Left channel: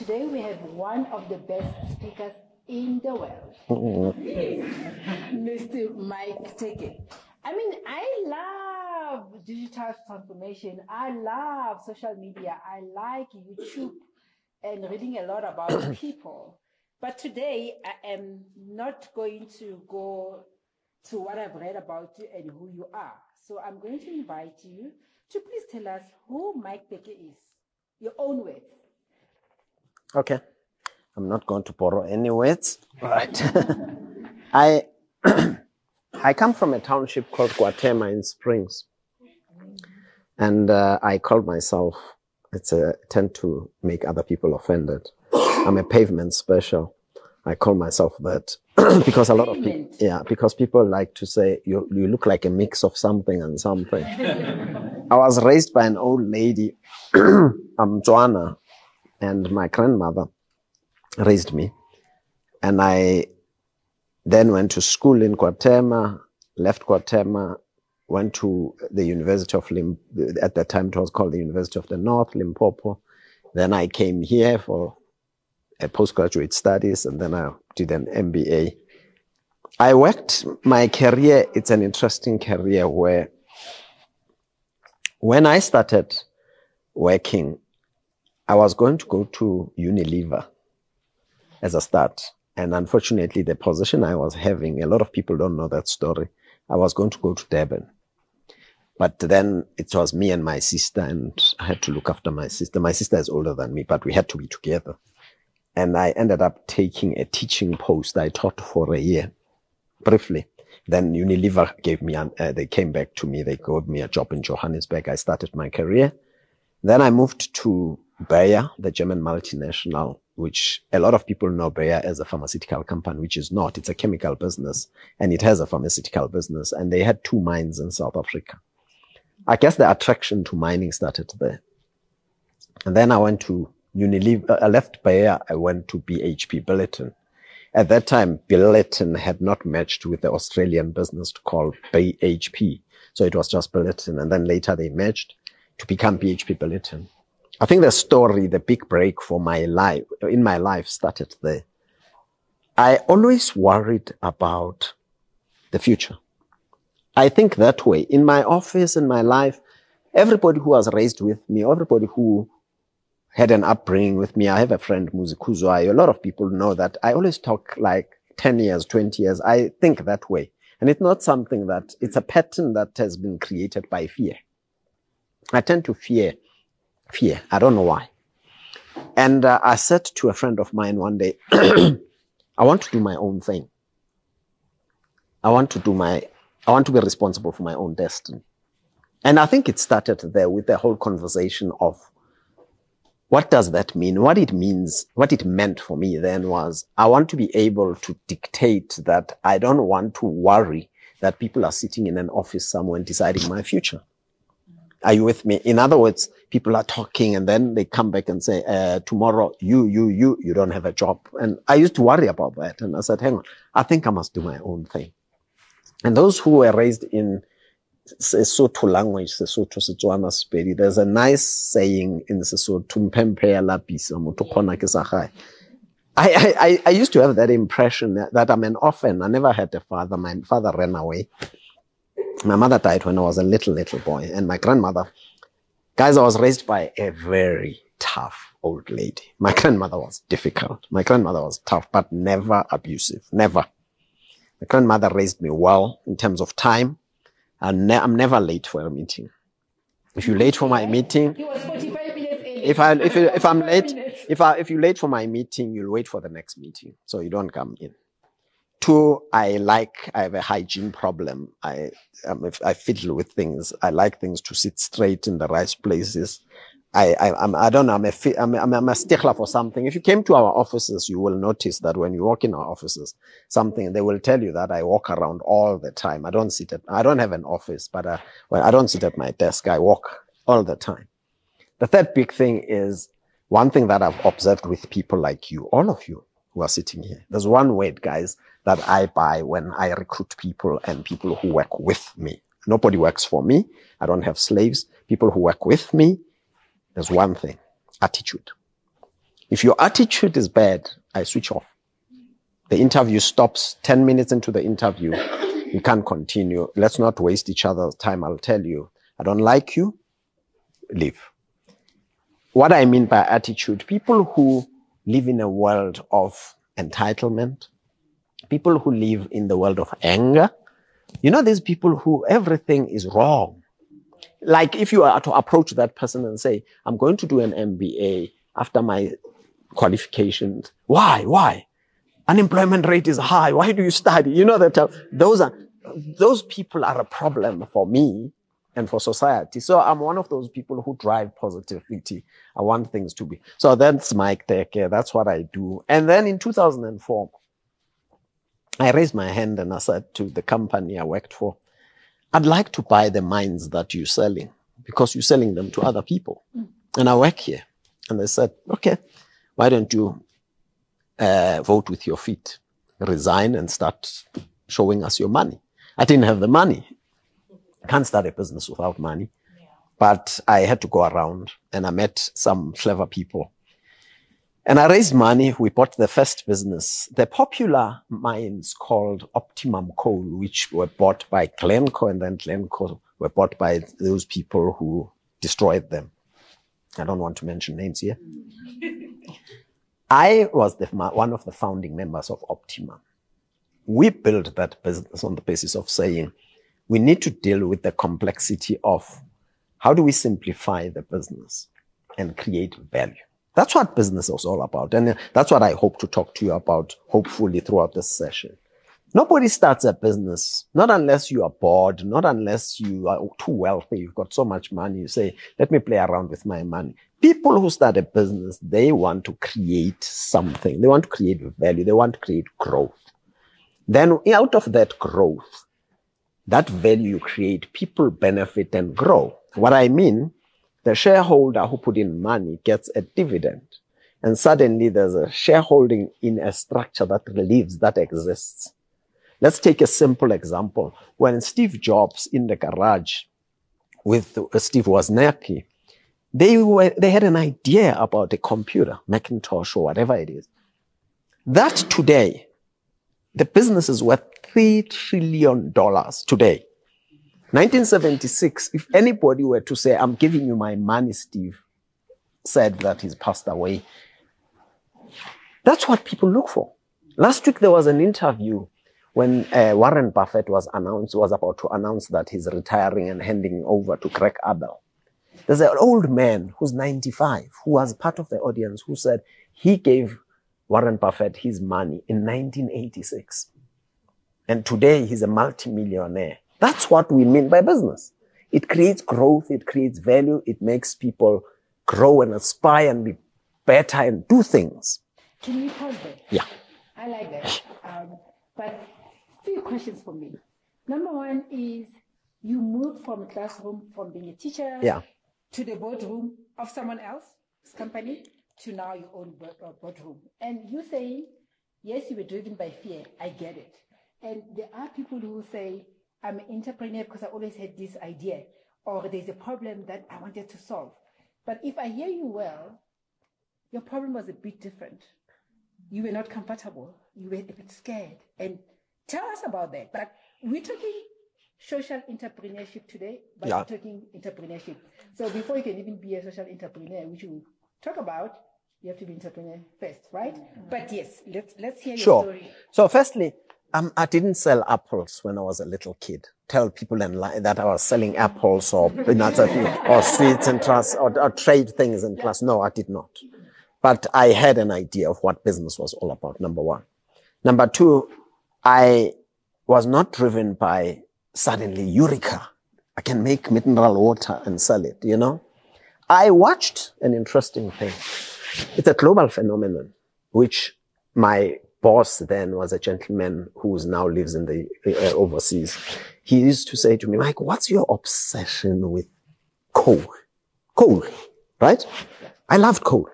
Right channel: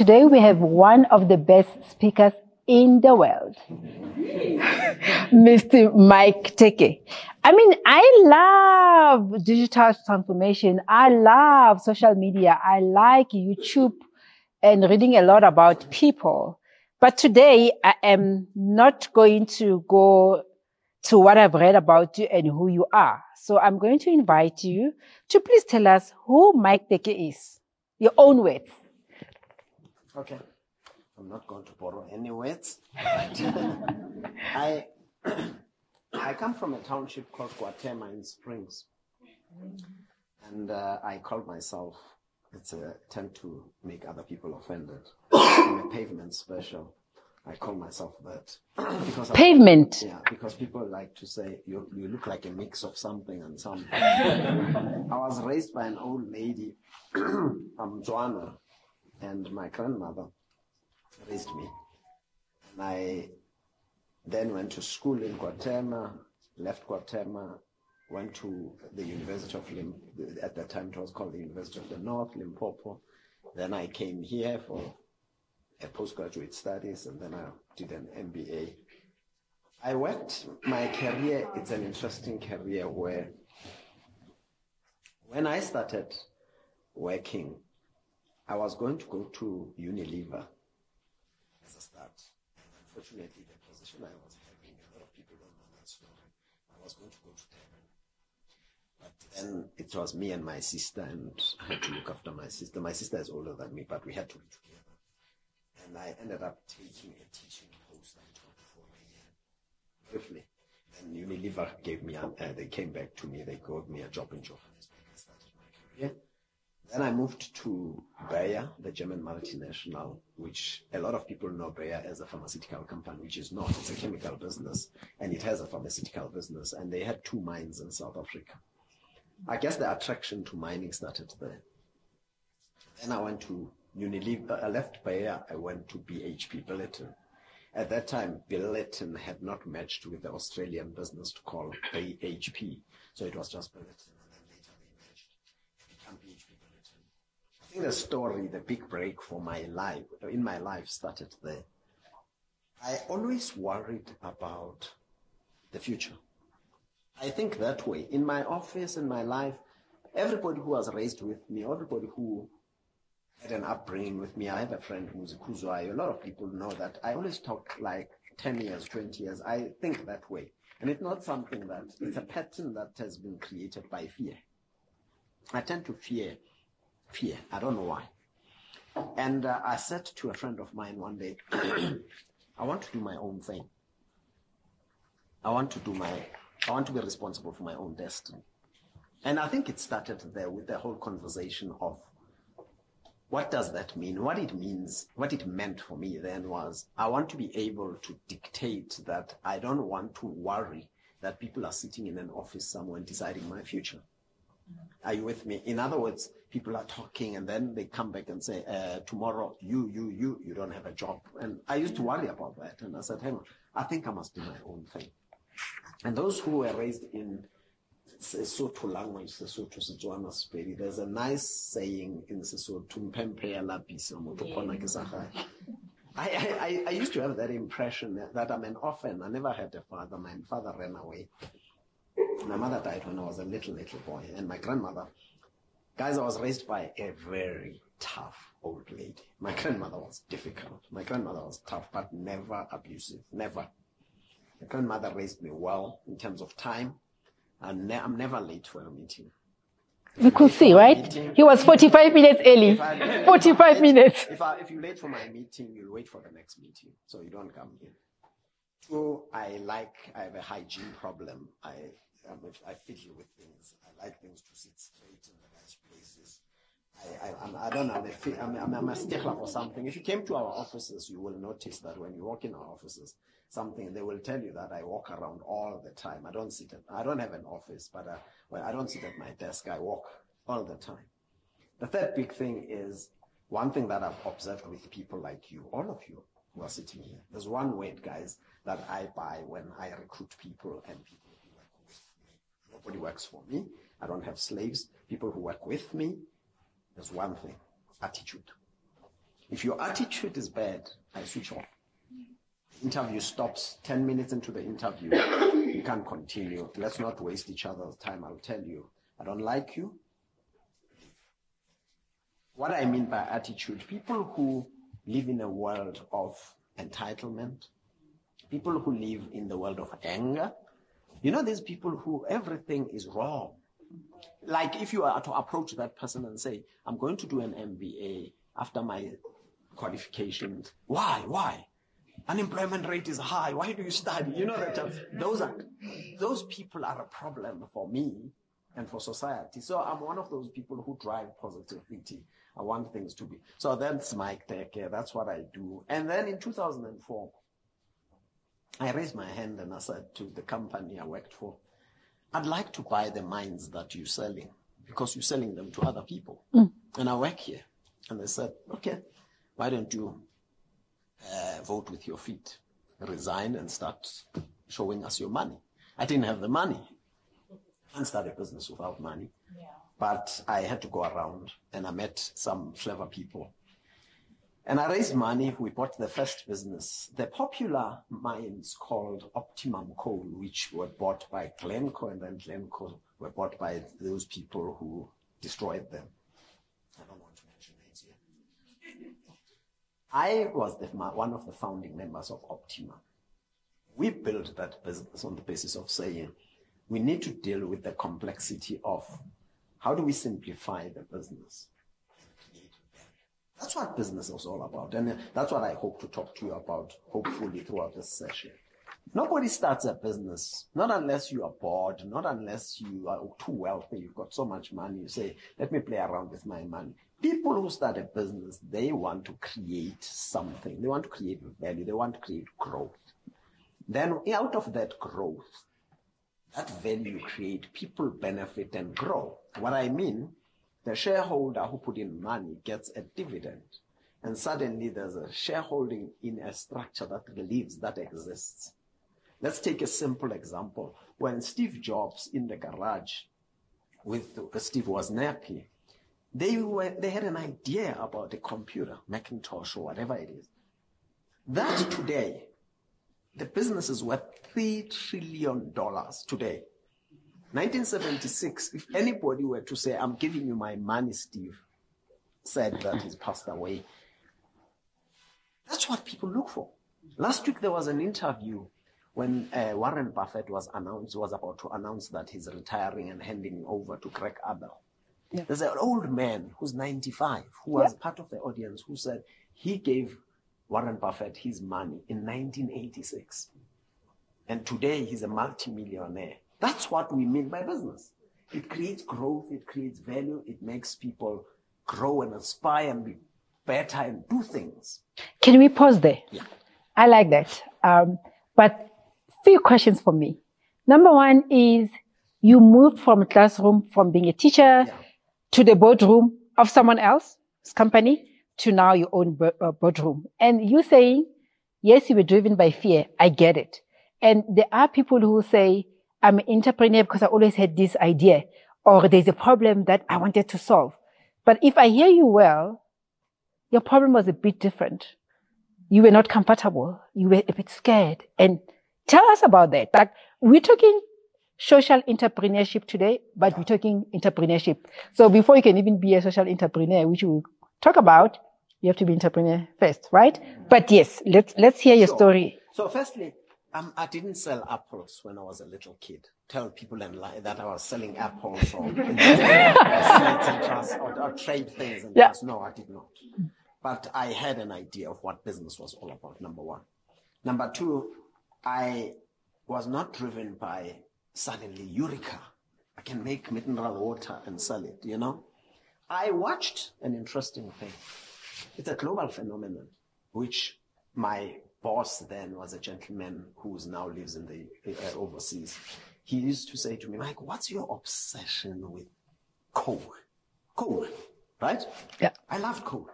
Today we have one of the best speakers in the world, Mr. Mike Teke. I mean, I love digital transformation. I love social media. I like YouTube and reading a lot about people. But today I am not going to go to what I've read about you and who you are. So I'm going to invite you to please tell us who Mike Teke is. Your own words. Okay. I'm not going to borrow any words. Right. I come from a township called Guatema in Springs. And I call myself, tend to make other people offended. I'm a pavement special. I call myself that because pavement. Because people like to say you look like a mix of something and something. I was raised by an old lady, Joanna, and my grandmother raised me. And I then went to school in Guatema, left Guatema, went to the University of at that time it was called the University of the North, Limpopo. Then I came here for a postgraduate studies, and then I did an MBA. I worked my career, it's an interesting career where when I started working, I was going to go to Unilever as a start. And unfortunately, the position I was having, a lot of people don't know that story. I was going to go to Durban. But then it was me and my sister, and I had to look after my sister. My sister is older than me, but we had to be together. And I ended up taking a teaching post. I taught for a year, briefly. Then Unilever gave me, they came back to me. They gave me a job in Johannesburg. I started my career. Then I moved to Bayer, the German multinational, which a lot of people know Bayer as a pharmaceutical company, which is not. It's a chemical business, and it has a pharmaceutical business. And they had 2 mines in South Africa. I guess the attraction to mining started there. And then I went to Unilever. I left Bayer. I went to BHP Billiton. At that time, Billiton had not merged with the Australian business called BHP. So it was just Billiton. And then later they merged to become BHP Billiton. I think the story, the big break for my life, in my life started there. I always worried about the future. I think that way. In my office, in my life, everybody who was raised with me, everybody who had an upbringing with me, I have a friend, Muzikuzwai, a lot of people know that I always talk like 10 years, 20 years. I think that way. And it's not something that, it's a pattern that has been created by fear. I tend to fear. I don't know why. And I said to a friend of mine one day, I want to do my own thing. I want to be responsible for my own destiny. And I think it started there with the whole conversation of what does that mean? What it means, what it meant for me then was I want to be able to dictate that I don't want to worry that people are sitting in an office somewhere deciding my future. Are you with me? In other words, people are talking and then they come back and say, tomorrow, you don't have a job. And I used to worry about that. And I said, hang on, I think I must do my own thing. And those who were raised in Sesotho language, Sesotho, Setswana, Sepedi, there's a nice saying in Sesotho, I used to have that impression that I'm an orphan. I never had a father. My father ran away. My mother died when I was a little boy. And my grandmother, guys, I was raised by a very tough old lady. My grandmother was difficult. My grandmother was tough, but never abusive. Never. My grandmother raised me well in terms of time. I'm never late for a meeting. If you're late for my meeting... He was 45 minutes early. If you're late for my meeting, you'll wait for the next meeting. So you don't come in. 2, I have a hygiene problem. I fiddle with things. I like things to sit straight in the right places. I'm a stickler for something. If you came to our offices, you will notice that when you walk in our offices, they will tell you that I walk around all the time. I don't have an office, but I don't sit at my desk. I walk all the time. The third big thing is one thing that I've observed with people like you, all of you who are sitting here. There's one word, guys, that I buy when I recruit people and people who work with me. Nobody works for me. I don't have slaves. People who work with me, there's one thing, attitude. If your attitude is bad, I switch off. The interview stops 10 minutes into the interview. You can't continue. Let's not waste each other's time. I'll tell you, I don't like you, leave. What I mean by attitude, people who live in a world of entitlement, people who live in the world of anger, you know, there's people who everything is wrong. Like if you are to approach that person and say, I'm going to do an MBA after my qualifications. Why? Unemployment rate is high. Why do you study? You know, that those people are a problem for me and for society. So I'm one of those people who drive positivity. I want things to be. So that's my Teke. That's what I do. And then in 2004, I raised my hand and I said to the company I worked for, I'd like to buy the mines that you're selling because you're selling them to other people. And I work here. And they said, okay, why don't you vote with your feet, resign and start showing us your money. I didn't have the money. I can't start a business without money. Yeah. But I had to go around and I met some clever people. And I raised money. We bought the first business, the popular mines called Optimum Coal, which were bought by Glencore, and then Glencore were bought by those people who destroyed them. I don't want to mention names here. I was one of the founding members of Optimum. We built that business on the basis of saying, we need to deal with the complexity of how do we simplify the business and create value. That's what business is all about. And that's what I hope to talk to you about, hopefully throughout this session. Nobody starts a business, not unless you are bored, not unless you are too wealthy, you've got so much money, you say, let me play around with my money. People who start a business, they want to create something. They want to create value. They want to create growth. Then out of that growth, that value you create, people benefit and grow. What I mean, the shareholder who put in money gets a dividend. And suddenly there's a shareholding in a structure that lives, that exists. Let's take a simple example. When Steve Jobs in the garage with Steve Wozniacki, they had an idea about a computer, Macintosh or whatever it is. That today, the business is worth $3 trillion today. 1976, if anybody were to say, I'm giving you my money, Steve said that he's passed away. That's what people look for. Last week, there was an interview when Warren Buffett was about to announce that he's retiring and handing over to Greg Abel. Yeah. There's an old man who's 95, who was part of the audience, who said he gave Warren Buffett his money in 1986. And today he's a multimillionaire. That's what we mean by business. It creates growth, it creates value, it makes people grow and aspire and be better and do things. Can we pause there? Yeah. I like that. But few questions for me. Number one is, you moved from a classroom, from being a teacher to the boardroom of someone else's company to now your own boardroom. And you saying, yes, you were driven by fear. I get it. And there are people who say, I'm an entrepreneur because I always had this idea, or there's a problem that I wanted to solve. But if I hear you well, your problem was a bit different. You were not comfortable. You were a bit scared. And tell us about that. Like, we're talking social entrepreneurship today, but we're talking entrepreneurship. So before you can even be a social entrepreneur, which we'll talk about, you have to be entrepreneur first, right? But yes, let's hear your story. So firstly, I didn't sell apples when I was a little kid. Tell people that I was selling apples or sweets and trust or trade things and trust. No, I did not. But I had an idea of what business was all about, number one. Number two, I was not driven by suddenly, eureka, I can make mineral water and sell it, you know. I watched an interesting thing. It's a global phenomenon, which my boss then was a gentleman who now lives in the overseas. He used to say to me, Mike, what's your obsession with coal? Coal, right? Yeah. I loved coal.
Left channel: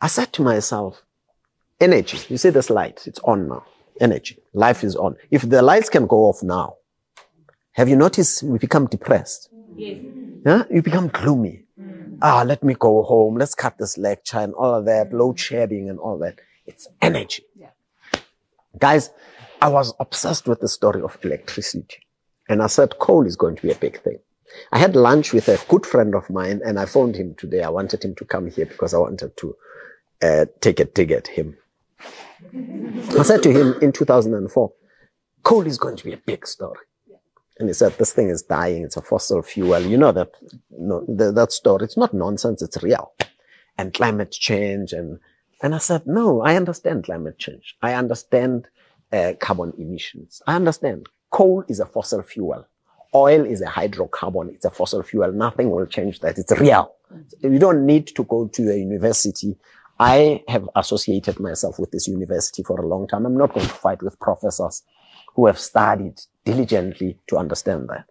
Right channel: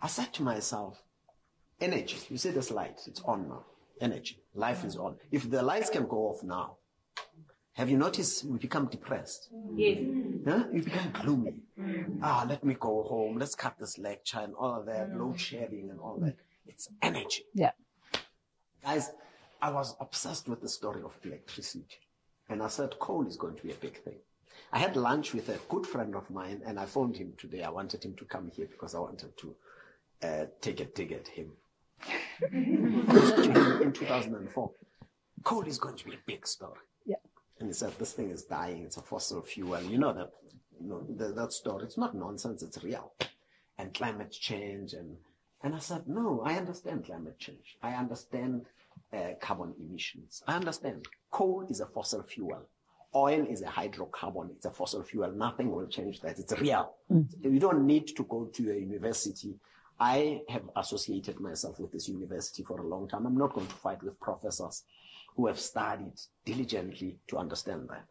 I said to myself, energy. You see this light, it's on now. Energy, life is on. If the lights can go off now, have you noticed we become depressed? Yes. Yeah? You become gloomy. let me go home. Let's cut this lecture and all of that, load shedding and all that. It's energy. Yeah. Guys, I was obsessed with the story of electricity. And I said, coal is going to be a big thing. I had lunch with a good friend of mine, and I phoned him today. I wanted him to come here because I wanted to take a dig at him. I said to him in 2004, coal is going to be a big story. Yeah. And he said, this thing is dying. It's a fossil fuel. You know that, that story. It's not nonsense. It's real. And climate change. And I said, no, I understand climate change. I understand carbon emissions. I understand. Coal is a fossil fuel. Oil is a hydrocarbon. It's a fossil fuel. Nothing will change that. It's real. You don't need to go to a university. I have associated myself with this university for a long time. I'm not going to fight with professors who have studied diligently to understand that.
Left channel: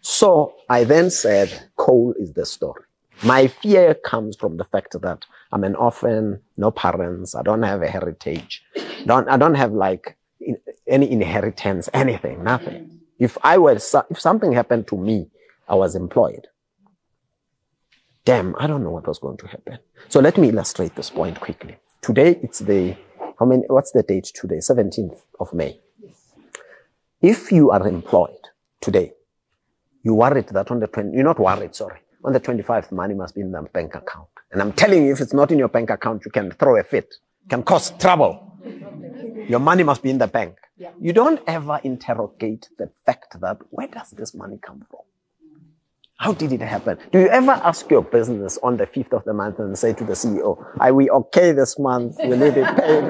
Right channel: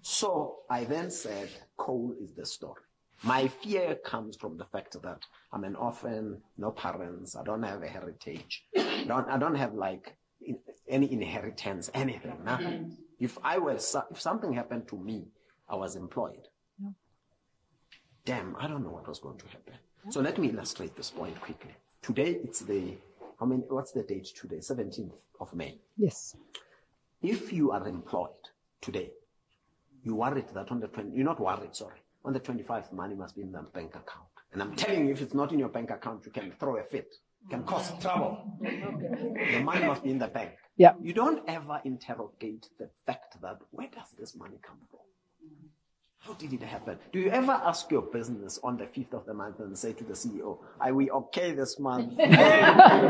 So I then said, coal is the story. My fear comes from the fact that I'm an orphan, no parents, I don't have a heritage, I don't have like any inheritance, anything, nothing. If something happened to me, I was employed. Damn, I don't know what was going to happen. So let me illustrate this point quickly. Today, it's what's the date today? 17th of May. Yes. If you are employed today, you're worried that on the 25th, money must be in the bank account. And I'm telling you, if it's not in your bank account, you can throw a fit. It can cause trouble. Your money must be in the bank. Yeah. You don't ever interrogate the fact that, where does this money come from? How did it happen? Do you ever ask your business on the 5th of the month and say to the CEO, are we okay this month? We need it paid.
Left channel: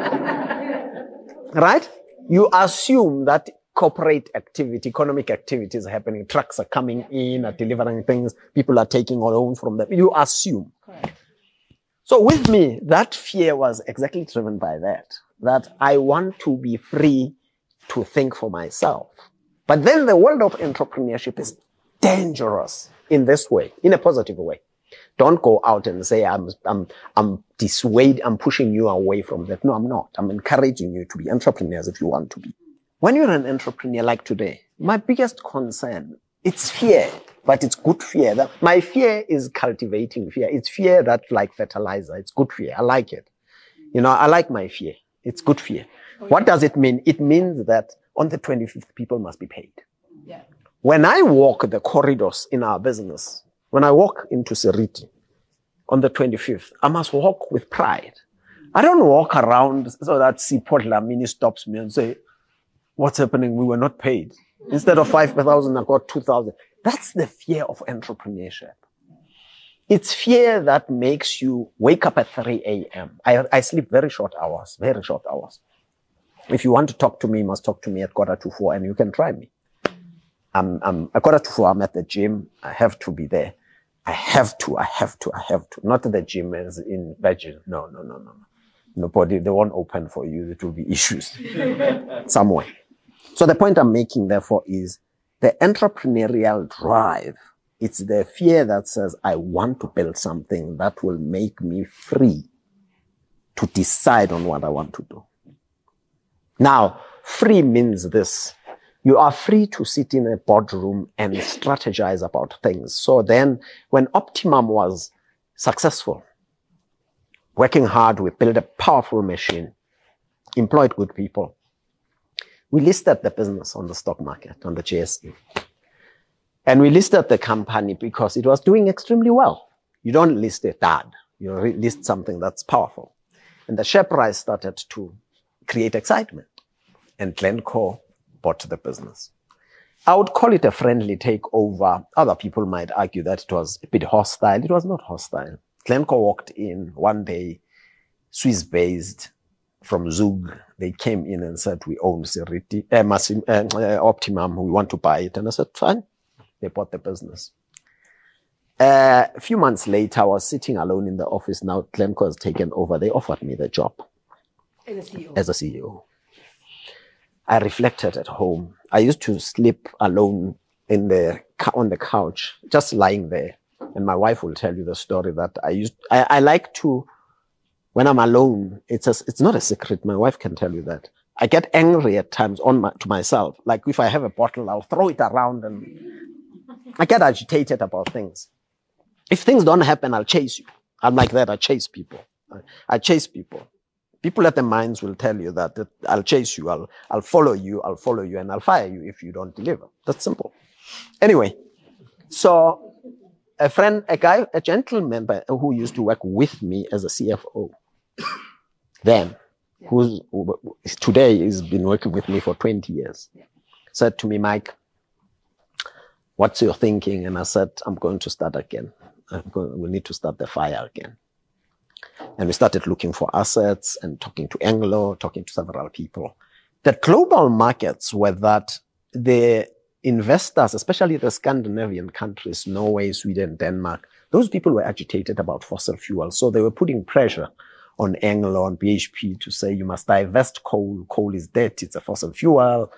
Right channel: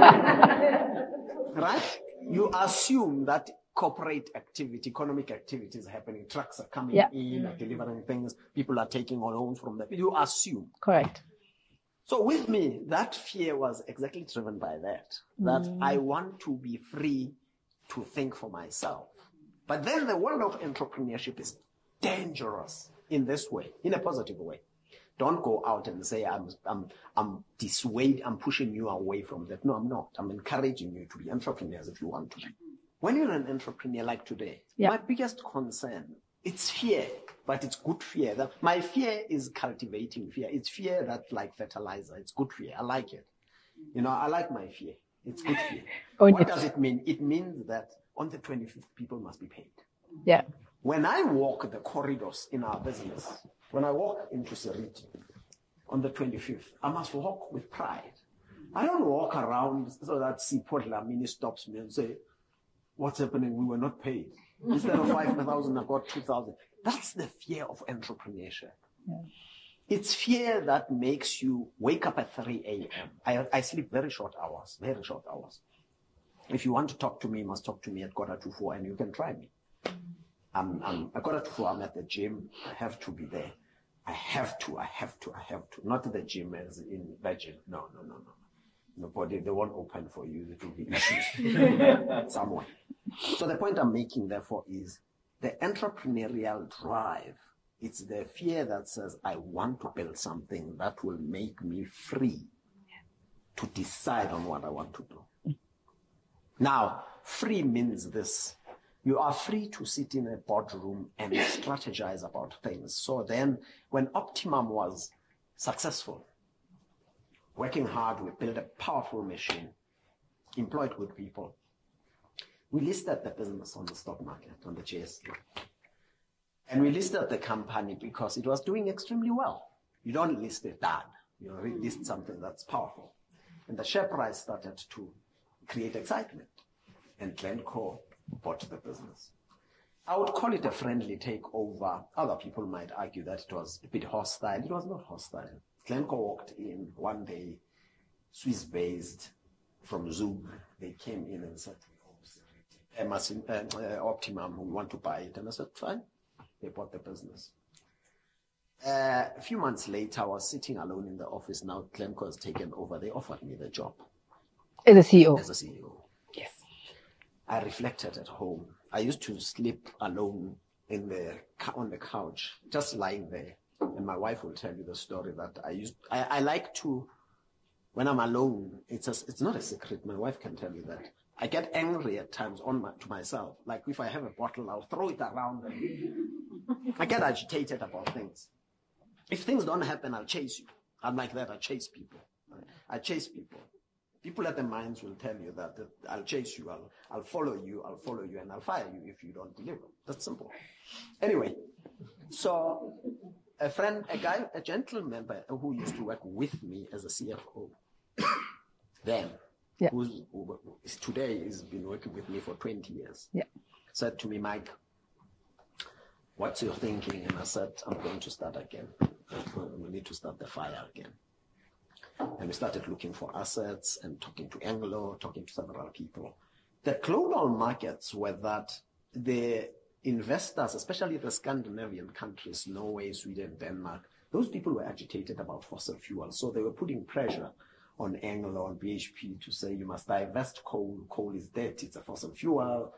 Right? You assume that corporate activity, economic activity is happening. Trucks are coming in, are delivering things. People are taking loans from them. You assume. Correct. So with me, that fear was exactly driven by that I want to be free to think for myself. But then the world of entrepreneurship is dangerous in this way, in a positive way. Don't go out and say, I'm pushing you away from that. No, I'm not. I'm encouraging you to be entrepreneurs if you want to be. When you're an entrepreneur like today, my biggest concern, it's fear, but it's good fear. My fear is cultivating fear. It's fear that's like fertilizer. It's good fear. I like it. You know, I like my fear. It's good fear. What does it mean? It means that on the 25th, people must be paid. Yeah. When I walk the corridors in our business, when I walk into Seriti on the 25th, I must walk with pride. I don't walk around so that Sipho Dlamini stops me and say, what's happening? We were not paid. Instead of 5,000, I got 2,000. That's the fear of entrepreneurship. Yeah. It's fear that makes you wake up at 3 a.m. I sleep very short hours. If you want to talk to me, you must talk to me at 3:45, and you can try me. At 3:45, I'm at the gym. I have to be there. I have to. Not the gym as in Virgin. No. Nobody, they won't open for you. It will be issues somewhere. So the point I'm making, therefore, is the entrepreneurial drive. It's the fear that says, I want to build something that will make me free to decide on what I want to do. Now, free means this. You are free to sit in a boardroom and strategize about things. So then, when Optimum was successful, working hard, we built a powerful machine, employed good people. We listed the business on the stock market, on the JSE. And we listed the company because it was doing extremely well. You don't list a dud. You list something that's powerful. And the share price started to create excitement. And Glencore bought the business. I would call it a friendly takeover. Other people might argue that it was a bit hostile. It was not hostile. Glencore walked in one day, Swiss-based, from Zug. They came in and said, we own Seriti, Optimum, we want to buy it. And I said, fine. They bought the business. A few months later, I was sitting alone in the office. Now Glencore has taken over. They offered me the job. As a CEO? As a CEO. Yes. I reflected at home. I used to sleep alone on the couch, just lying there. And my wife will tell you the story that I like to, when I'm alone, it's not a secret. My wife can tell you that. I get angry at times to myself. Like if I have a bottle, I'll throw it around and I get agitated about things. If things don't happen, I'll chase you. I'm like that. I chase people. I chase people. People at the mines will tell you that I'll chase you, I'll follow you, and I'll fire you if you don't deliver. That's simple. Anyway, so a gentleman who used to work with me as a CFO, then, who today has been working with me for 20 years, said to me, Mike, what's your thinking? And I said, I'm going to start again. We need to start the fire again. And we started looking for assets and talking to Anglo, talking to several people. The global markets were that the investors, especially the Scandinavian countries, Norway, Sweden, Denmark, those people were agitated about fossil fuels. So they were putting pressure on Anglo, on BHP to say, you must divest coal. Coal is dead. It's a fossil fuel,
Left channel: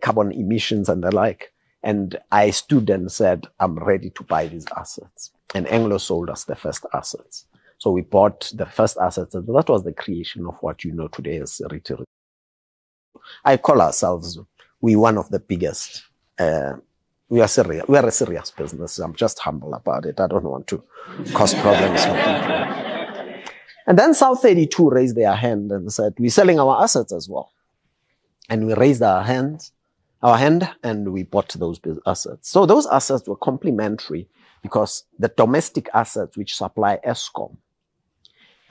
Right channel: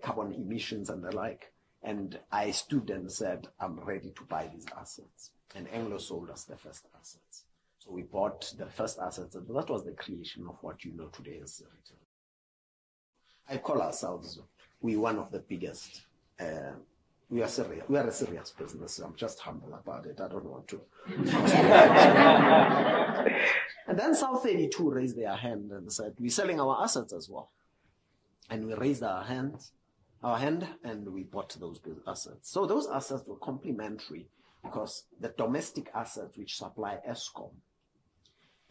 carbon emissions and the like. And I stood and said, I'm ready to buy these assets. And Anglo sold us the first assets. So we bought the first assets, and that was the creation of what you know today as Seriti. I call ourselves, we're one of the biggest. We are a serious business. I'm just humble about it. I don't want to cause problems with people. And then South 32 raised their hand and said, we're selling our assets as well. And we raised our hand, and we bought those assets. So those assets were complementary because the domestic assets which supply Eskom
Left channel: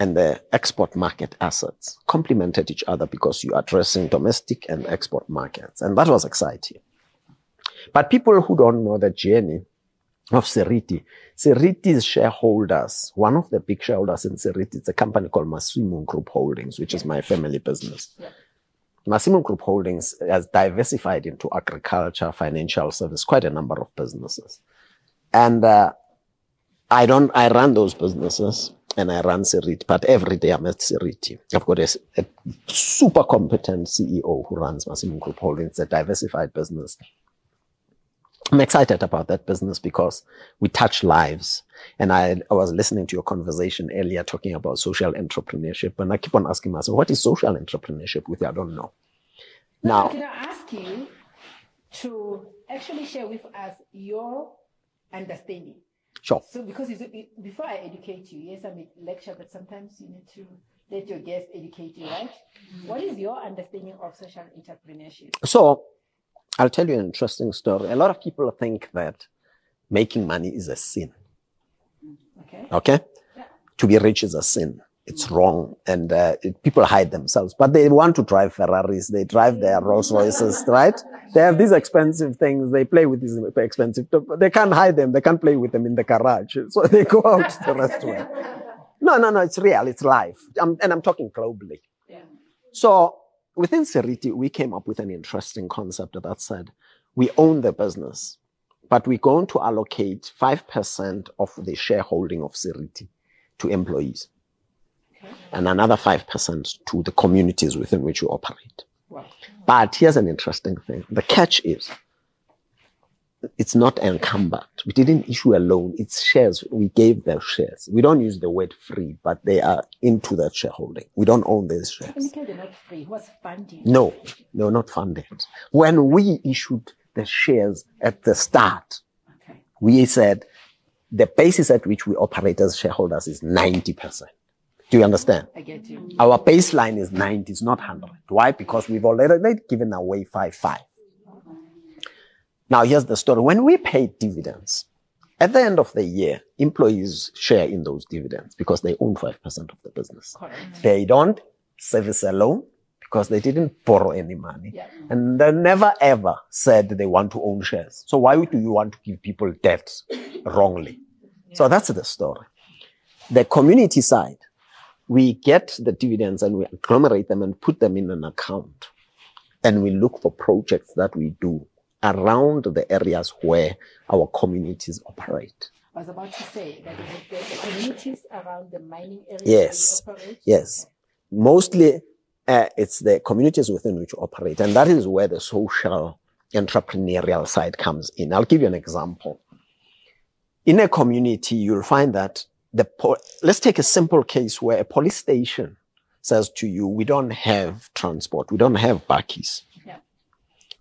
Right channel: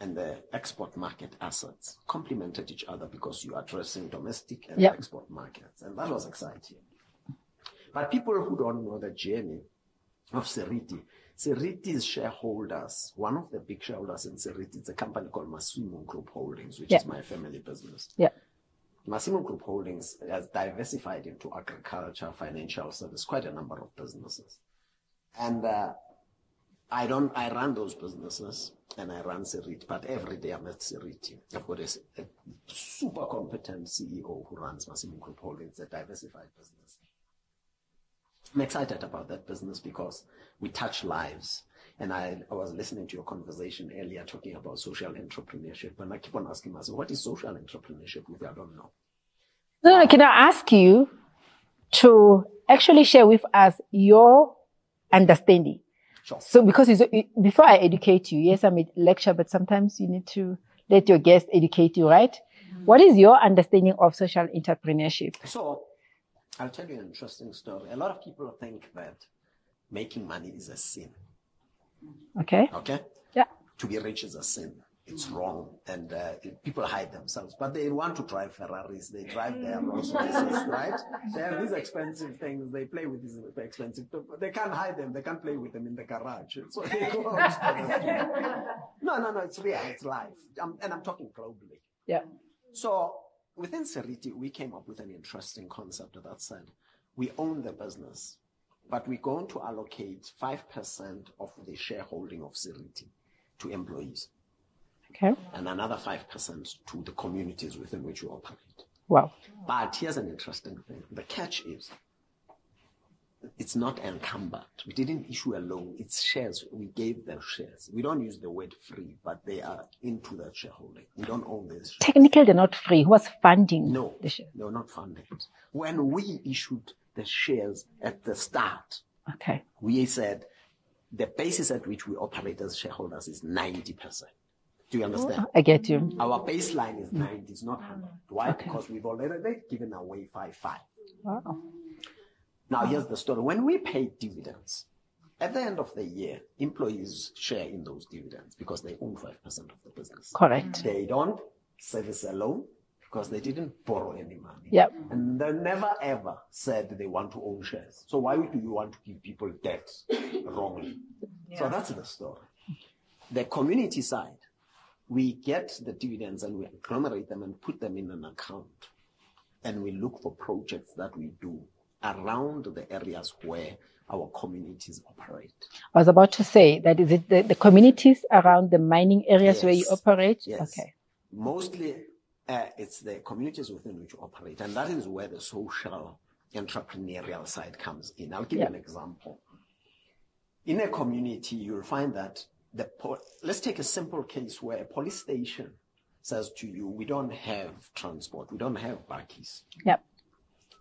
and the export market assets complemented each other because you're addressing domestic and export markets. And that was exciting. But people who don't know the journey of Seriti's shareholders, one of the big shareholders in Seriti, it's a company called Massimo Group Holdings, which is my family business. Massimo Group Holdings has diversified into agriculture, financial service, quite a number of businesses. And I run those businesses and I run Seriti, but every day I'm at Seriti. I've got a super competent CEO who runs Massimo Group Holdings, a diversified business. I'm excited about that business because we touch lives. And I was listening to your conversation earlier talking about social entrepreneurship. And I keep on asking myself, what is social entrepreneurship with you? I don't know. No, can I ask you to actually share with us your understanding? Sure. So because before I educate you, yes, I'm a lecturer, but sometimes you need to let your guest educate you, right? What is your understanding of social entrepreneurship? So I'll tell you an interesting story. A lot of people think that making money is a sin. Okay. Okay? Yeah. To be rich is a sin. It's wrong. And people hide themselves. But they want to drive Ferraris. They drive their Rolls Royces, right? They have these expensive things. They play with these expensive. They can't hide them. They can't play with them in the garage. So they go out to the restaurant. No. It's real. It's life. And I'm talking globally. Yeah. So within Seriti, we came up with an interesting concept that said, we own the business, but we're going to allocate 5% of the shareholding of Seriti to employees. Okay. And another 5% to the communities within which we operate. Wow. But here's an interesting thing. The catch is, it's not encumbered. We didn't issue a loan. It's shares. We gave them shares. We don't use the word free, but they are into that shareholding. We don't own these shares. Technically, they're not free. Who was funding? No, not funded. When we issued the shares at the start, we said the basis at which we operate as shareholders is 90%. Do you understand? I get you. Our baseline is 90, it's not 100. Why? Because we've already given away 5. Wow. Now, here's the story. When we pay dividends, at the end of the year, employees share in those dividends because they own 5% of the business. Correct. They don't service a loan because they didn't borrow any money. Yep. And they never, ever said they want to own shares. So why do you want to give people debt wrongly? Yeah. So that's the story. The community side, we get the dividends and we agglomerate them and put them in an account. And we look for projects that we do around the areas where our communities operate. I was about to say that is it the communities around the mining areas where you operate? Yes. Okay. Mostly it's the communities within which we operate. And that is where the social entrepreneurial side comes in. I'll give you an example. In a community, you'll find that let's take a simple case where a police station says to you, we don't have transport, we don't have bakkies. Yep.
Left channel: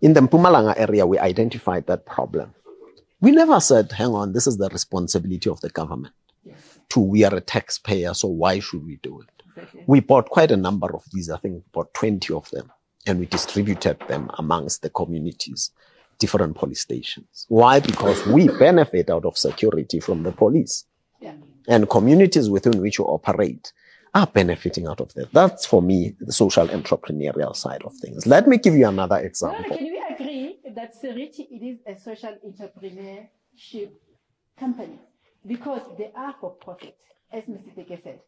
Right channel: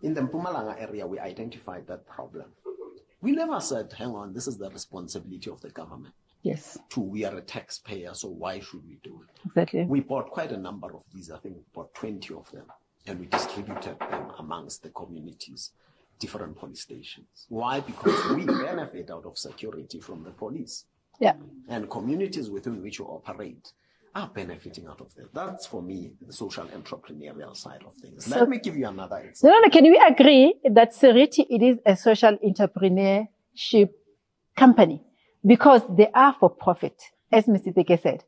In the Mpumalanga area, we identified that problem. We never said, hang on, this is the responsibility of the government. Yes. We are a taxpayer, so why should we do it? Exactly. We bought quite a number of these, I think about 20 of them, and we distributed them amongst the communities, different police stations. Why? Because we benefit out of security from the police. Yeah. And communities within which you operate are benefiting out of that. That's, for me, the social entrepreneurial side of things. Let me give you another example. No, can we agree that Seriti, it is a social entrepreneurship company? Because they are for profit, as Mr. Teke said.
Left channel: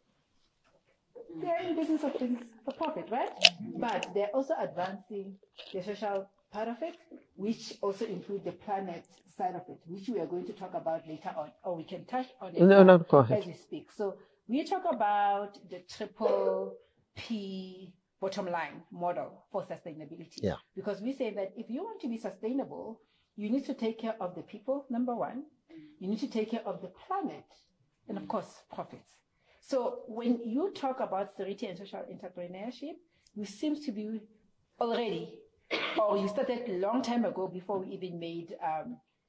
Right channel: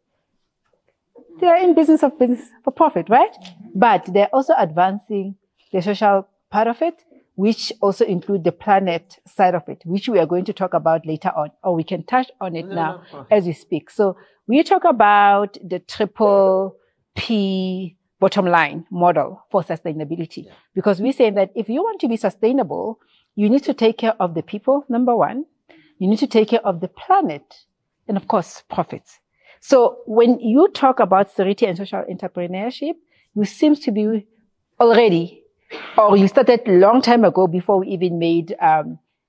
They are in business for profit, right? But they're also advancing the social part of it, which also include the planet side of it, which we are going to talk about later on, or we can touch on it now as we speak. So we talk about the triple P bottom line model for sustainability. Yeah. Because we say that if you want to be sustainable, you need to take care of the people, number one. You need to take care of the planet, and of course, profits. So when you talk about Seriti and social entrepreneurship, you seem to be already, or you started a long time ago before we even made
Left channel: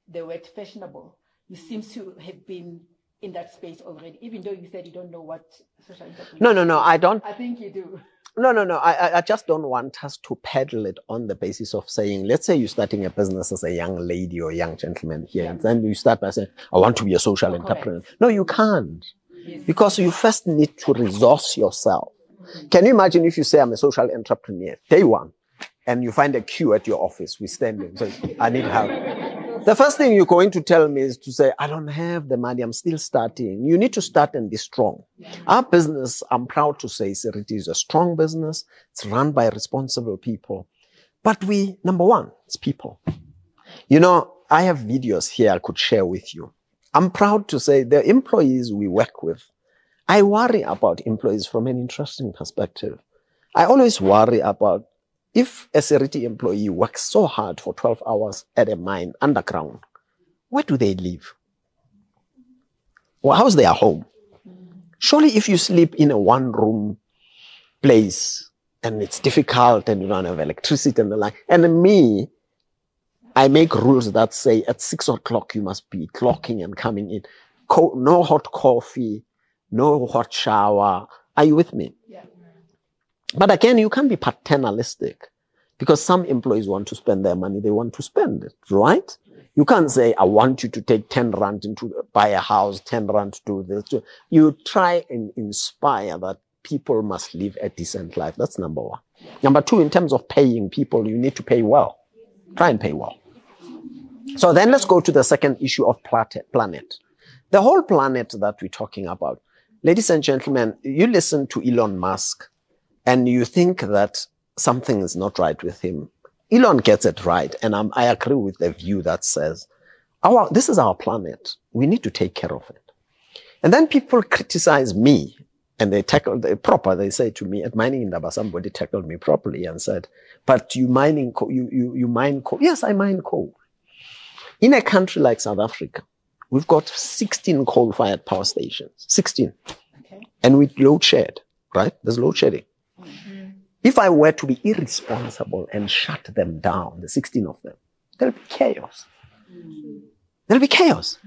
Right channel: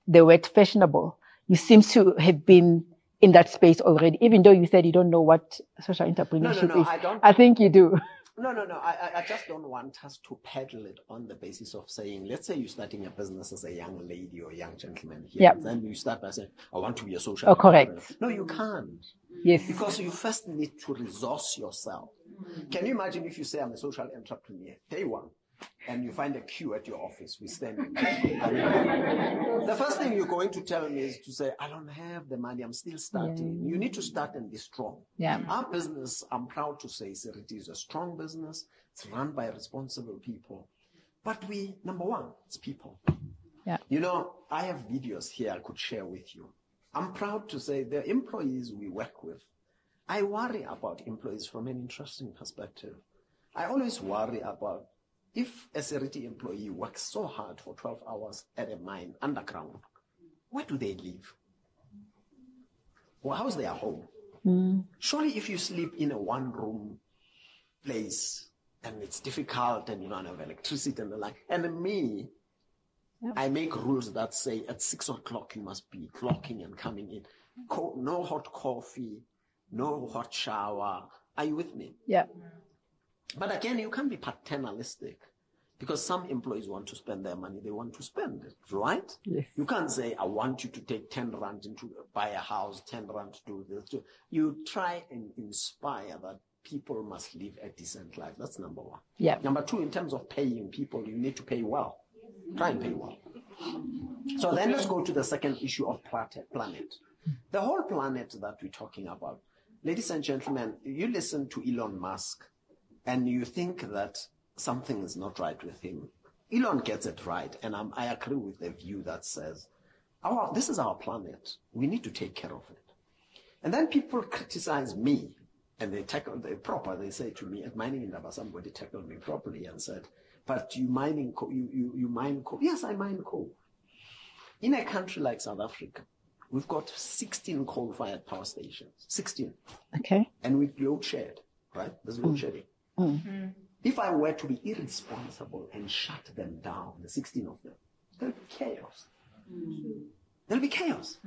the word fashionable. You seem to have been in that space already, even though you said you don't know what social entrepreneurship is. No, I don't. I think you do. No. I just don't want us to peddle it on the basis of saying, let's say you're starting a business as a young lady or young gentleman here. Yeah. Then you start by saying, I want to be a social entrepreneur. Correct. No, you can't. Yes. Because you first need to resource yourself. Can you imagine if you say, I'm a social entrepreneur, day one, and you find a queue at your office, we're standing, I need help. The first thing you're going to tell me is to say, I don't have the money, I'm still starting. You need to start and be strong. Yeah. Our business, I'm proud to say, Seriti is a strong business. It's run by responsible people. But number one, it's people. Yeah. You know, I have videos here I could share with you. I'm proud to say the employees we work with, I worry about employees from an interesting perspective. I always worry about if a Seriti employee works so hard for 12 hours at a mine underground, where do they live? Well, how's their home? Surely if you sleep in a one-room place and it's difficult and you don't have electricity and the like, and me, I make rules that say at 6 o'clock you must be clocking and coming in. No hot coffee, no hot shower. Are you with me? Yeah. But again, you can't be paternalistic because some employees want to spend their money, they want to spend it, right? Yes. You can't say, I want you to take 10 rand to buy a house, 10 rand to do this. You try and inspire that people must live a decent life. That's number one. Yeah. Number two, in terms of paying people, you need to pay well. Try and pay well. So then let's go to the second issue of planet. The whole planet that we're talking about. Ladies and gentlemen, you listen to Elon Musk and you think that something is not right with him. Elon gets it right. And I agree with the view that says, this is our planet. We need to take care of it. And then people criticize me and they say to me, at Mining Indaba, somebody tackled me properly and said, but you mine coal. Yes, I mine coal. In a country like South Africa, we've got 16 coal-fired power stations. 16. Okay. And we load shed, right? There's load shedding. Mm-hmm. If I were to be irresponsible and shut them down, the 16 of them, there'll be chaos. There'll be chaos.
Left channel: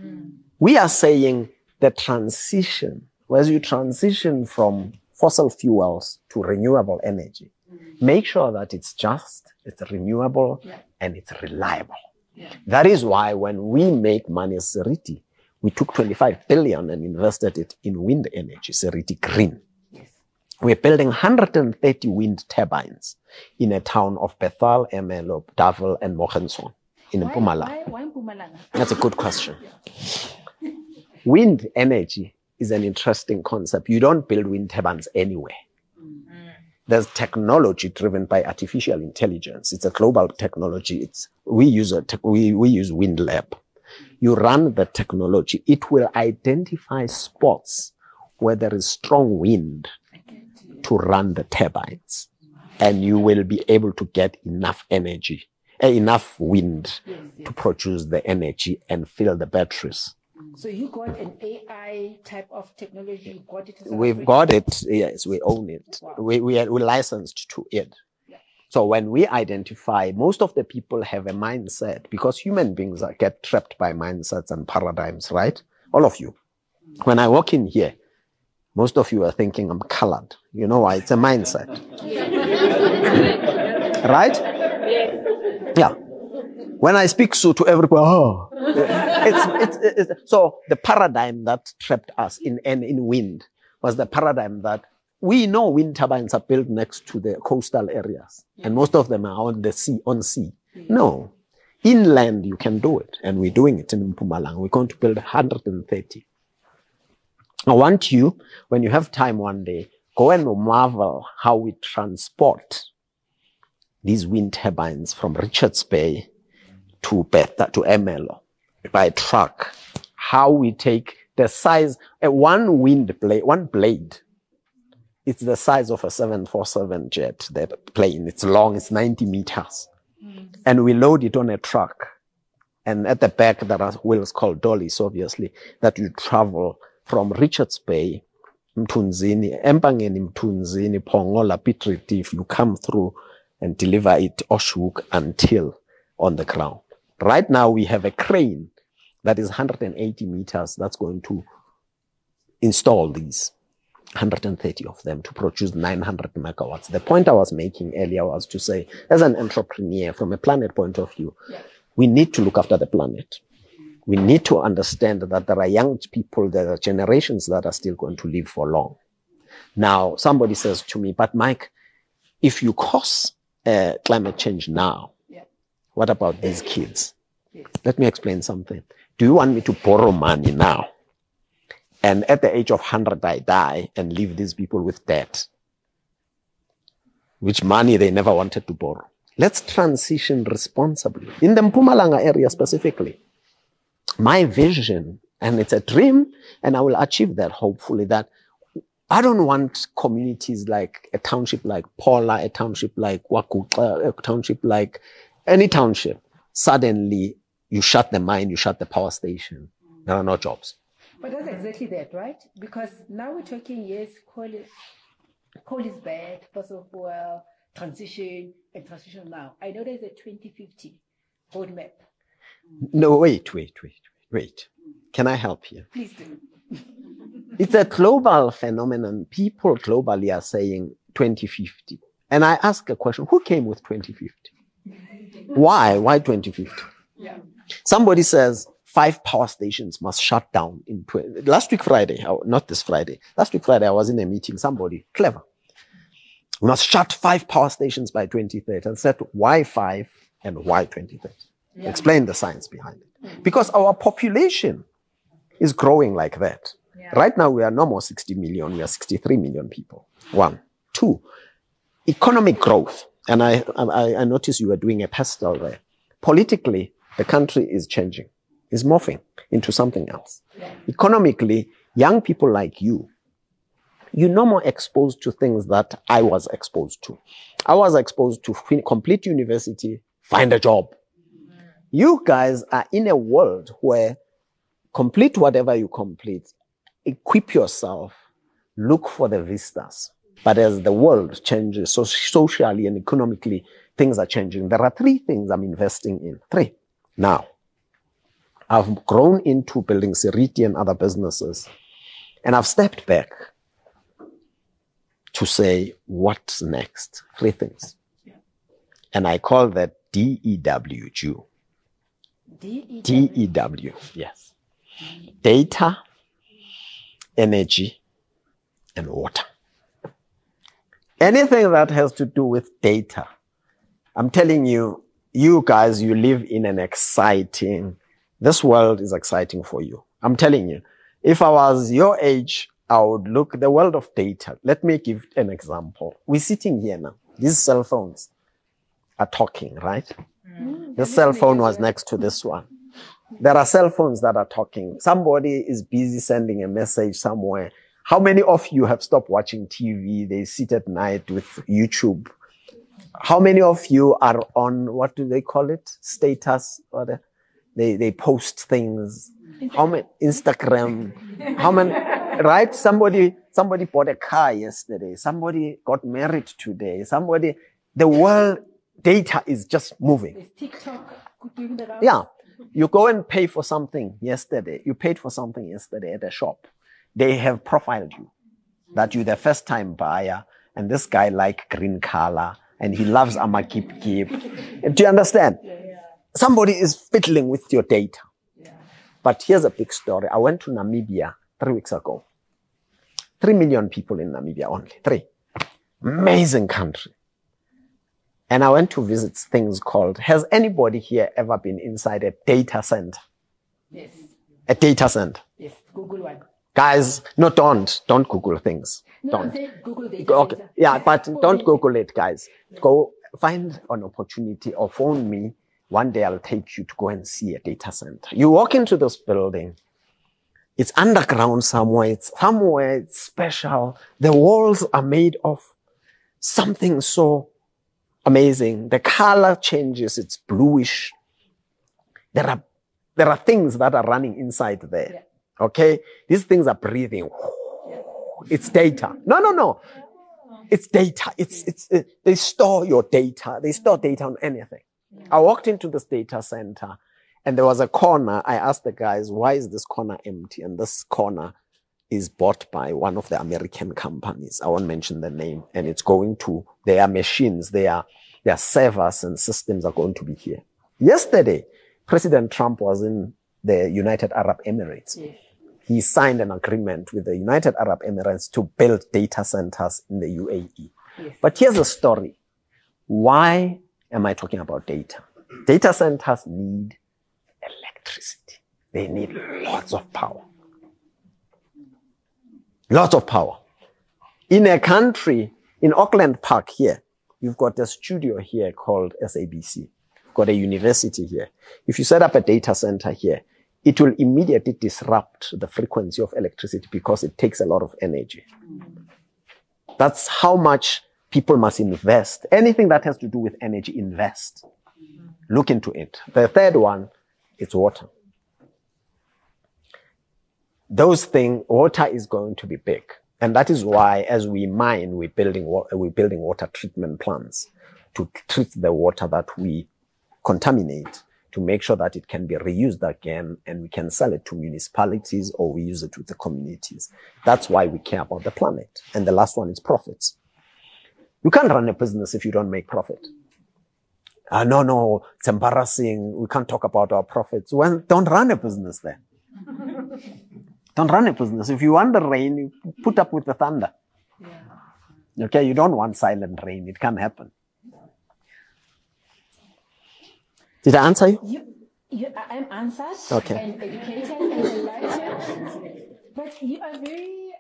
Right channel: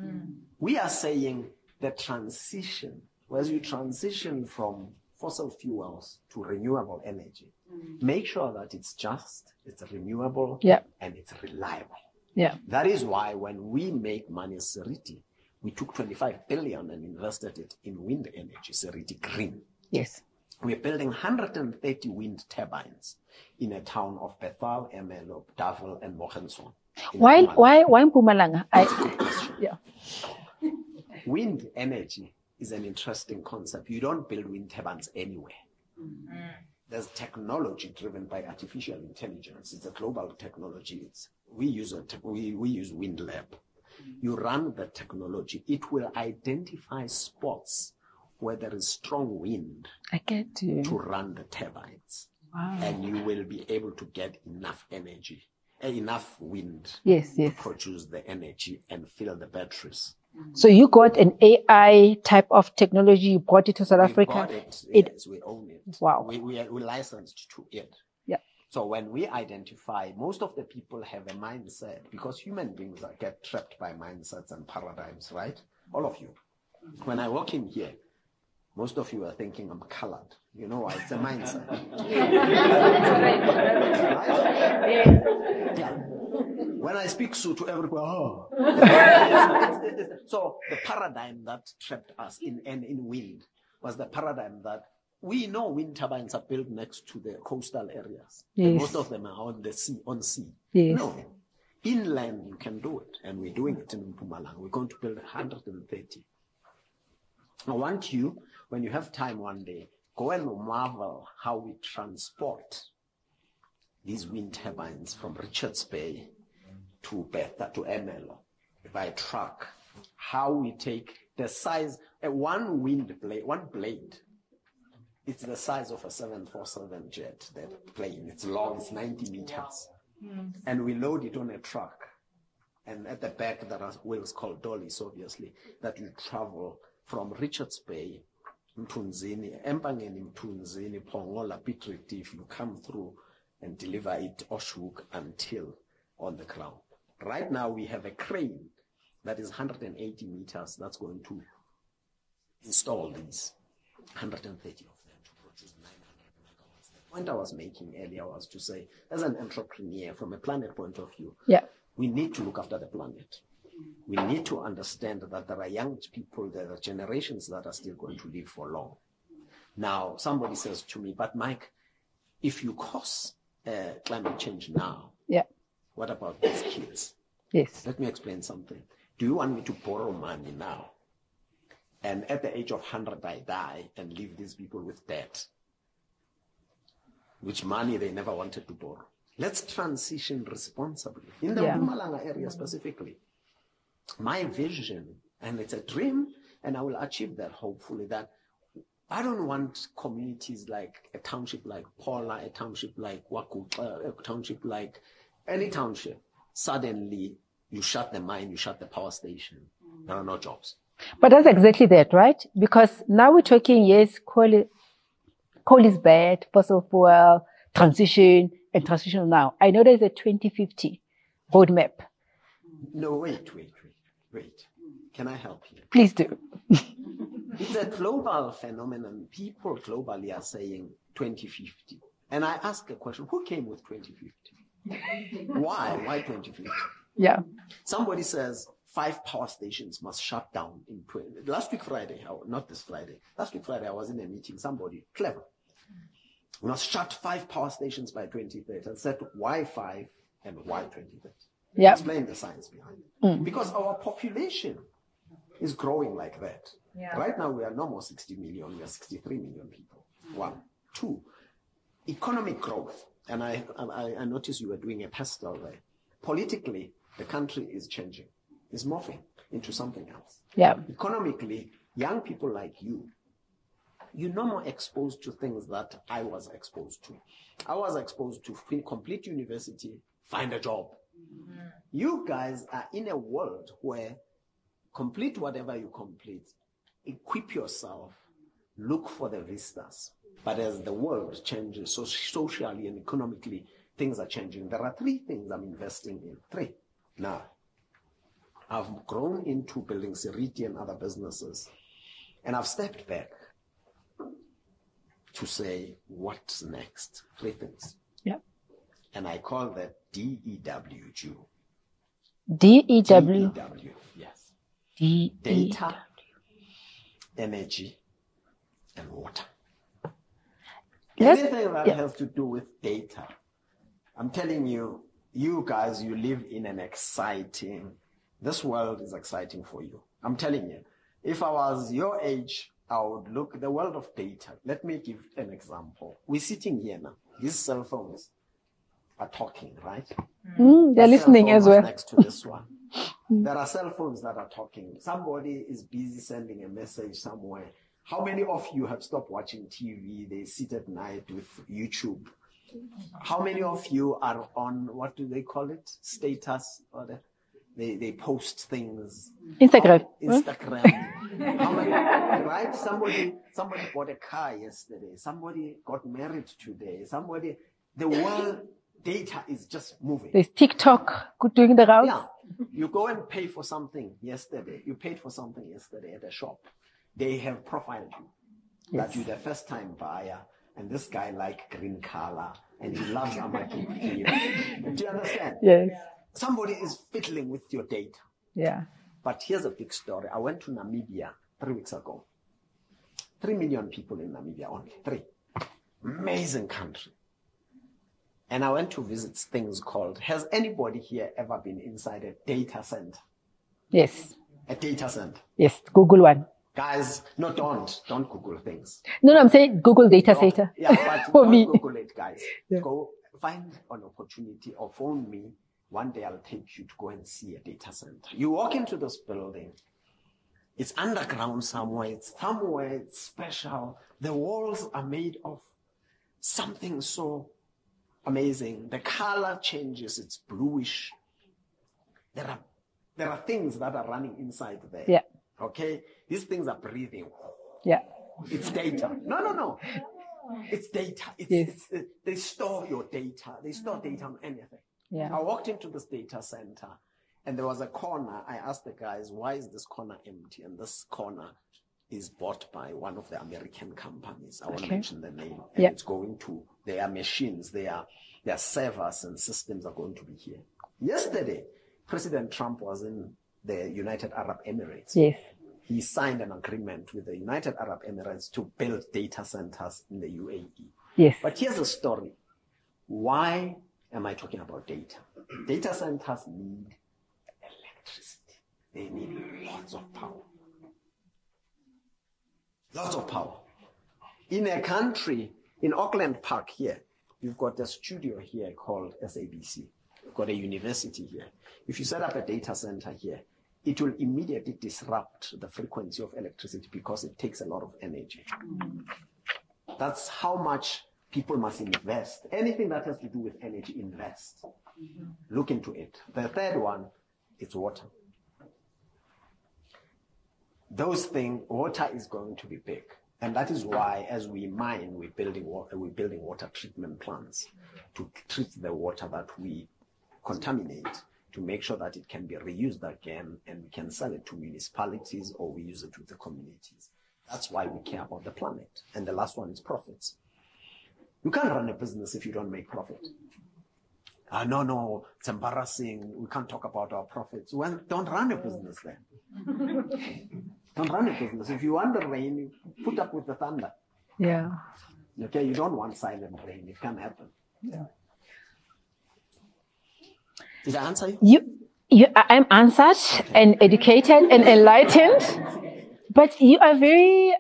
We are saying the transition, whereas you transition from fossil fuels to renewable energy, make sure that it's just, it's renewable, and it's reliable. Yeah. That is why when we make money as Seriti, we took 25 billion and invested it in wind energy, Seriti Green. Yes. We're building 130 wind turbines in a town of Bethal, Ermelo, Duvel, and Mogenson in Mpumalanga. Why Mpumalanga? That's a good question. Yeah. Wind energy is an interesting concept. You don't build wind turbines anywhere. There's technology driven by artificial intelligence. It's a global technology. We use Wind Lab. You run the technology. It will identify spots where there is strong wind to run the turbines. Wow. And you will be able to get enough energy, enough wind to produce the energy and fill the batteries. So you got an AI type of technology, you brought it to South Africa? We've got it, yes, we own it. Wow. We licensed to it. Yeah. So when we identify, most of the people have a mindset, because human beings get trapped by mindsets and paradigms, right? All of you. When I walk in here, most of you are thinking I'm colored. You know why? It's a mindset. Right? Yeah. When I speak so to everybody, oh. So the paradigm that trapped us in wind was the paradigm that we know wind turbines are built next to the coastal areas. Yes. And most of them are on the sea, Yes. No. Inland, you can do it. And we're doing it in Mpumalanga. We're going to build 130. I want you, when you have time one day, go and marvel how we transport these wind turbines from Richards Bay to Beta, to Emelo, by truck. How we take the size, one blade, it's the size of a 747 jet, that plane. It's long, it's 90 meters. And we load it on a truck. And at the back, there are wheels called dollies, obviously, that you travel from Richards Bay, Mtunzini, Empangeni, Mtunzini, Pongola, Piet Retief. You come through and deliver it Oshhoek until on the ground. Right now, we have a crane that is 180 meters that's going to install these 130 of them to produce 900 megawatts. The point I was making earlier was to say, as an entrepreneur, from a planet point of view, we need to look after the planet. We need to understand that there are young people, there are generations that are still going to live for long. Now, somebody says to me, but Mike, if you cause climate change now, what about these kids? Yes. Let me explain something. Do you want me to borrow money now? And at the age of 100, I die and leave these people with debt, which money they never wanted to borrow. Let's transition responsibly. In the Mpumalanga area specifically, my vision, and it's a dream, and I will achieve that hopefully, that I don't want communities like a township like Paula, a township like Wakuka, a township like any township. Suddenly, you shut the mine, you shut the power station. There are no jobs. But that's exactly that, right? Because now we're talking, yes, coal is bad, fossil fuel, transition, and transition now. I know there's a 2050 roadmap. No, wait. Can I help you? Please do. It's a global phenomenon. People globally are saying 2050. And I ask a question, who came with 2050? Why? Why 2050? Yeah. Somebody says 5 power stations must shut down in last week Friday, not this Friday. Last week Friday, I was in a meeting. Somebody clever. We must shut 5 power stations by 2030. I said, why 5 and why 2030? Yeah. Explain the science behind it. Because our population is growing like that. Yeah. Right now, we are no more 60 million. We are 63 million people. 1. 2, economic growth. And I noticed you were doing a pastel there. Politically, the country is changing, is morphing into something else. Yeah. Economically, young people like you're no more exposed to things that I was exposed to. I was exposed to complete university, find a job. You guys are in a world where complete whatever you complete, equip yourself, look for the vistas. But as the world changes, so socially and economically, things are changing. There are 3 things I'm investing in. 3. Now, I've grown into building Seriti and other businesses, and I've stepped back to say, what's next? 3 things. Yeah. And I call that DEW. DEW? DEW, yes. Data, energy, and water. Anything that has to do with data. I'm telling you, you guys, you live in an exciting, this world is exciting for you. I'm telling you, if I was your age, I would look the world of data. Let me give an example. We're sitting here now. These cell phones are talking, right? The cell phone was next to this one. There are cell phones that are talking. Somebody is busy sending a message somewhere. How many of you have stopped watching TV? They sit at night with YouTube. How many of you are on, what do they call it? Status? Or they post things. Instagram. How many, right? Somebody bought a car yesterday. Somebody got married today. the world data is just moving. There's TikTok doing the rounds. Yeah. You go and pay for something yesterday. You paid for something yesterday at a shop. They have profiled you, that you're the first time buyer, and this guy like green color, and he loves Amakip. Do you understand? Yes. Somebody is fiddling with your data. Yeah. But here's a big story. I went to Namibia 3 weeks ago. 3 million people in Namibia only. 3. Amazing country. And I went to visit things called, has anybody here ever been inside a data center? Yes. A data center? Yes. Google one. Guys, no, don't Google things. No, I'm saying Google data center. Yeah, but don't Google it, guys. Yeah. Go find an opportunity or phone me. One day I'll take you to go and see a data center. You walk into this building. It's underground somewhere. It's special. The walls are made of something so amazing. The color changes. It's bluish. There are things that are running inside there. Yeah. Okay? These things are breathing. Yeah. It's data. No. It's data. They store your data. They store data on anything. Yeah. I walked into this data center and there was a corner. I asked the guys, why is this corner empty? And this corner is bought by one of the American companies. I won't mention the name. And it's going to their machines, their servers and systems are going to be here. Yesterday, President Trump was in the United Arab Emirates. Yes. He signed an agreement with the United Arab Emirates to build data centers in the UAE. Yes. But here's the story. Why am I talking about data? Data centers need electricity. They need lots of power. Lots of power. In a country, in Auckland Park here, you've got a studio here called SABC. You've got a university here. If you set up a data center here, it will immediately disrupt the frequency of electricity because it takes a lot of energy. That's how much people must invest. Anything that has to do with energy, invest. Look into it. The third one, it's water. Those things, water is going to be big. And that is why, as we mine, we're building water treatment plants to treat the water that we contaminate, to make sure that it can be reused again and we can sell it to municipalities or we use it with the communities. That's why we care about the planet. And the last one is profits. You can't run a business if you don't make profit. No, it's embarrassing. We can't talk about our profits. Well, don't run a business then. Don't run a business. If you want the rain, you put up with the thunder. Yeah. Okay, you don't want silent rain. It can't happen. Yeah. Did I answer you? I'm answered and educated and enlightened. But you are very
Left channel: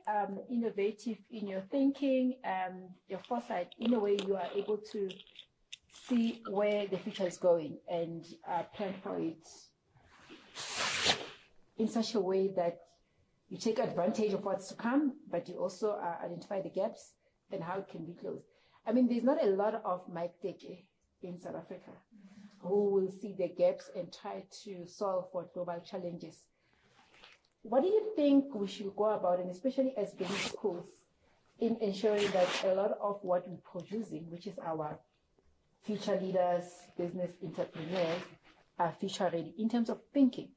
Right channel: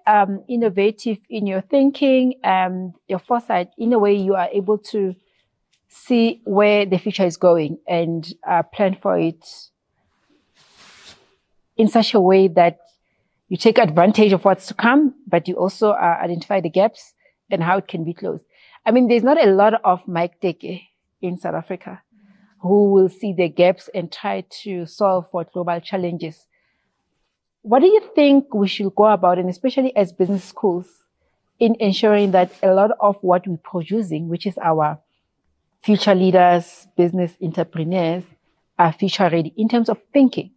innovative in your thinking and your foresight. In a way, you are able to see where the future is going and plan for it in such a way that you take advantage of what's to come, but you also identify the gaps and how it can be closed. I mean, there's not a lot of Mike Teke in South Africa who will see the gaps and try to solve for global challenges. What do you think we should go about, and especially as business schools, in ensuring that a lot of what we're producing, which is our future leaders, business entrepreneurs, are future ready in terms of thinking?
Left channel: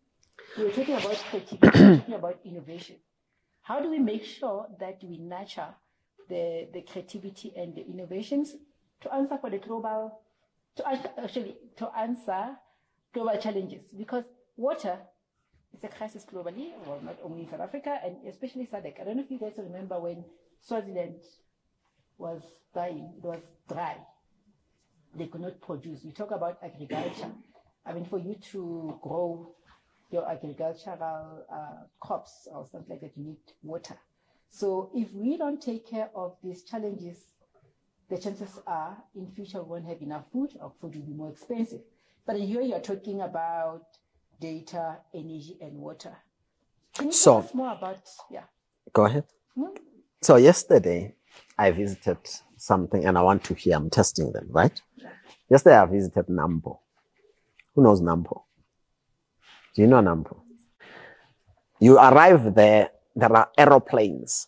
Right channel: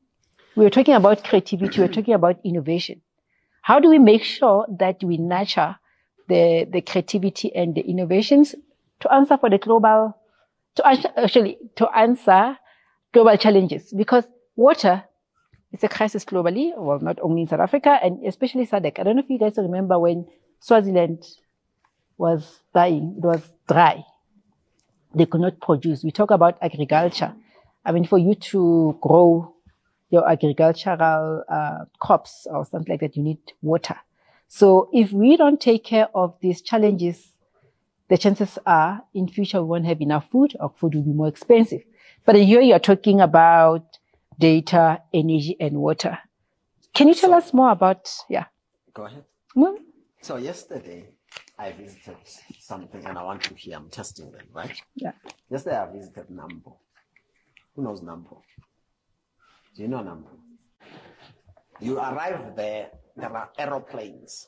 We were talking about creativity, we're talking about innovation. How do we make sure that we nurture the creativity and the innovations to answer for the global, to answer global challenges? Because water is a crisis globally, well, not only in South Africa, and especially SADC. I don't know if you guys remember when Swaziland was dying, it was dry. They could not produce. We talk about agriculture. I mean, for you to grow your agricultural crops or something like that, you need water. So if we don't take care of these challenges, the chances are in future we won't have enough food, or food will be more expensive. But here you're talking about data, energy, and water. Can you tell us more about, Go ahead. No? So yesterday I visited something and I want to hear, I'm testing them, right? Yeah. Yesterday I visited Nampo. Who knows Nampo? Do you know Nampo? You arrive there are aeroplanes,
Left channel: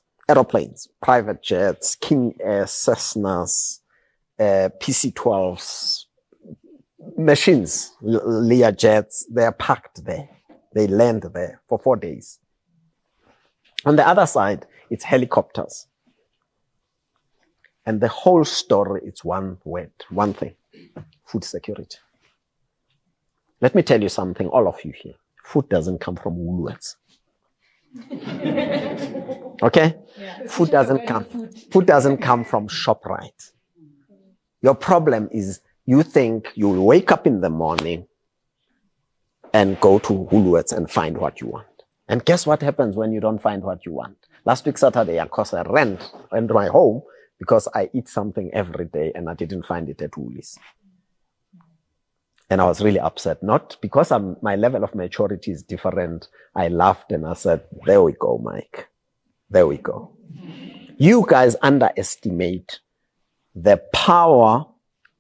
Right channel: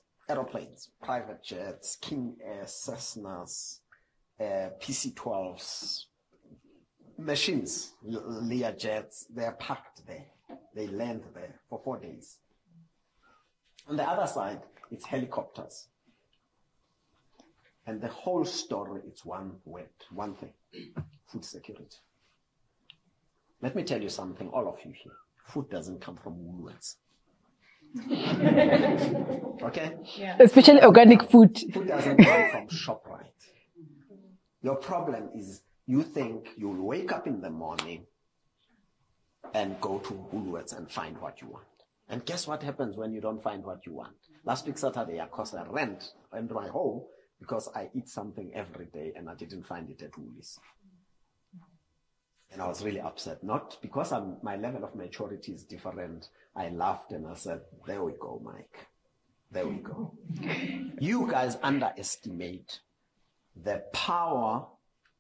private jets, King Air, Cessnas, PC-12s, machines, Learjets, they're packed there. They land there for 4 days. On the other side, it's helicopters. And the whole story, it's one word, one thing, food security. Let me tell you something, all of you here. Food doesn't come from Woolworths. Okay? Yeah. Especially organic food. Food doesn't come from ShopRite. Your problem is you think you'll wake up in the morning and go to Woolworths and find what you want. And guess what happens when you don't find what you want? Last week, Saturday, of course, I ran to my home because I eat something every day and I didn't find it at Woolies. And I was really upset. Not because my level of maturity is different. I laughed and I said, there we go, Mike. There we go. You guys underestimate the power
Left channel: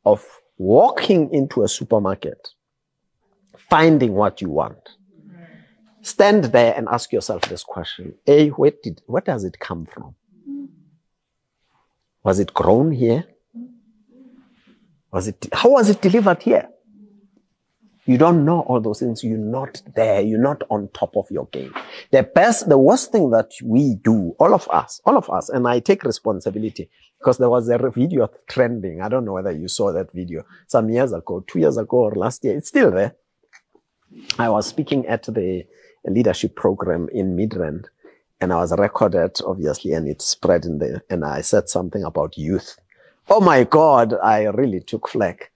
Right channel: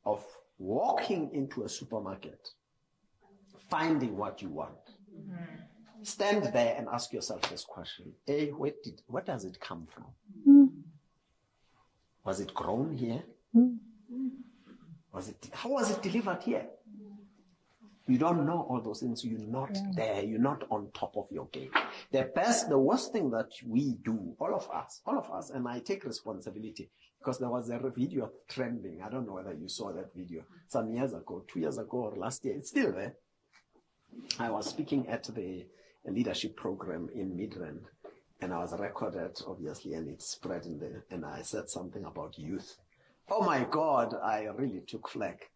of walking into a supermarket, finding what you want. Stand there and ask yourself this question. A, where does it come from? Was it grown here? How was it delivered here? You don't know all those things. You're not there. You're not on top of your game. The worst thing that we do, all of us, and I take responsibility because there was a video trending. I don't know whether you saw that video some years ago, 2 years ago or last year. It's still there. I was speaking at the leadership program in Midrand and I was recorded, obviously, and it spread in there. And I said something about youth. Oh my God, I really took flack.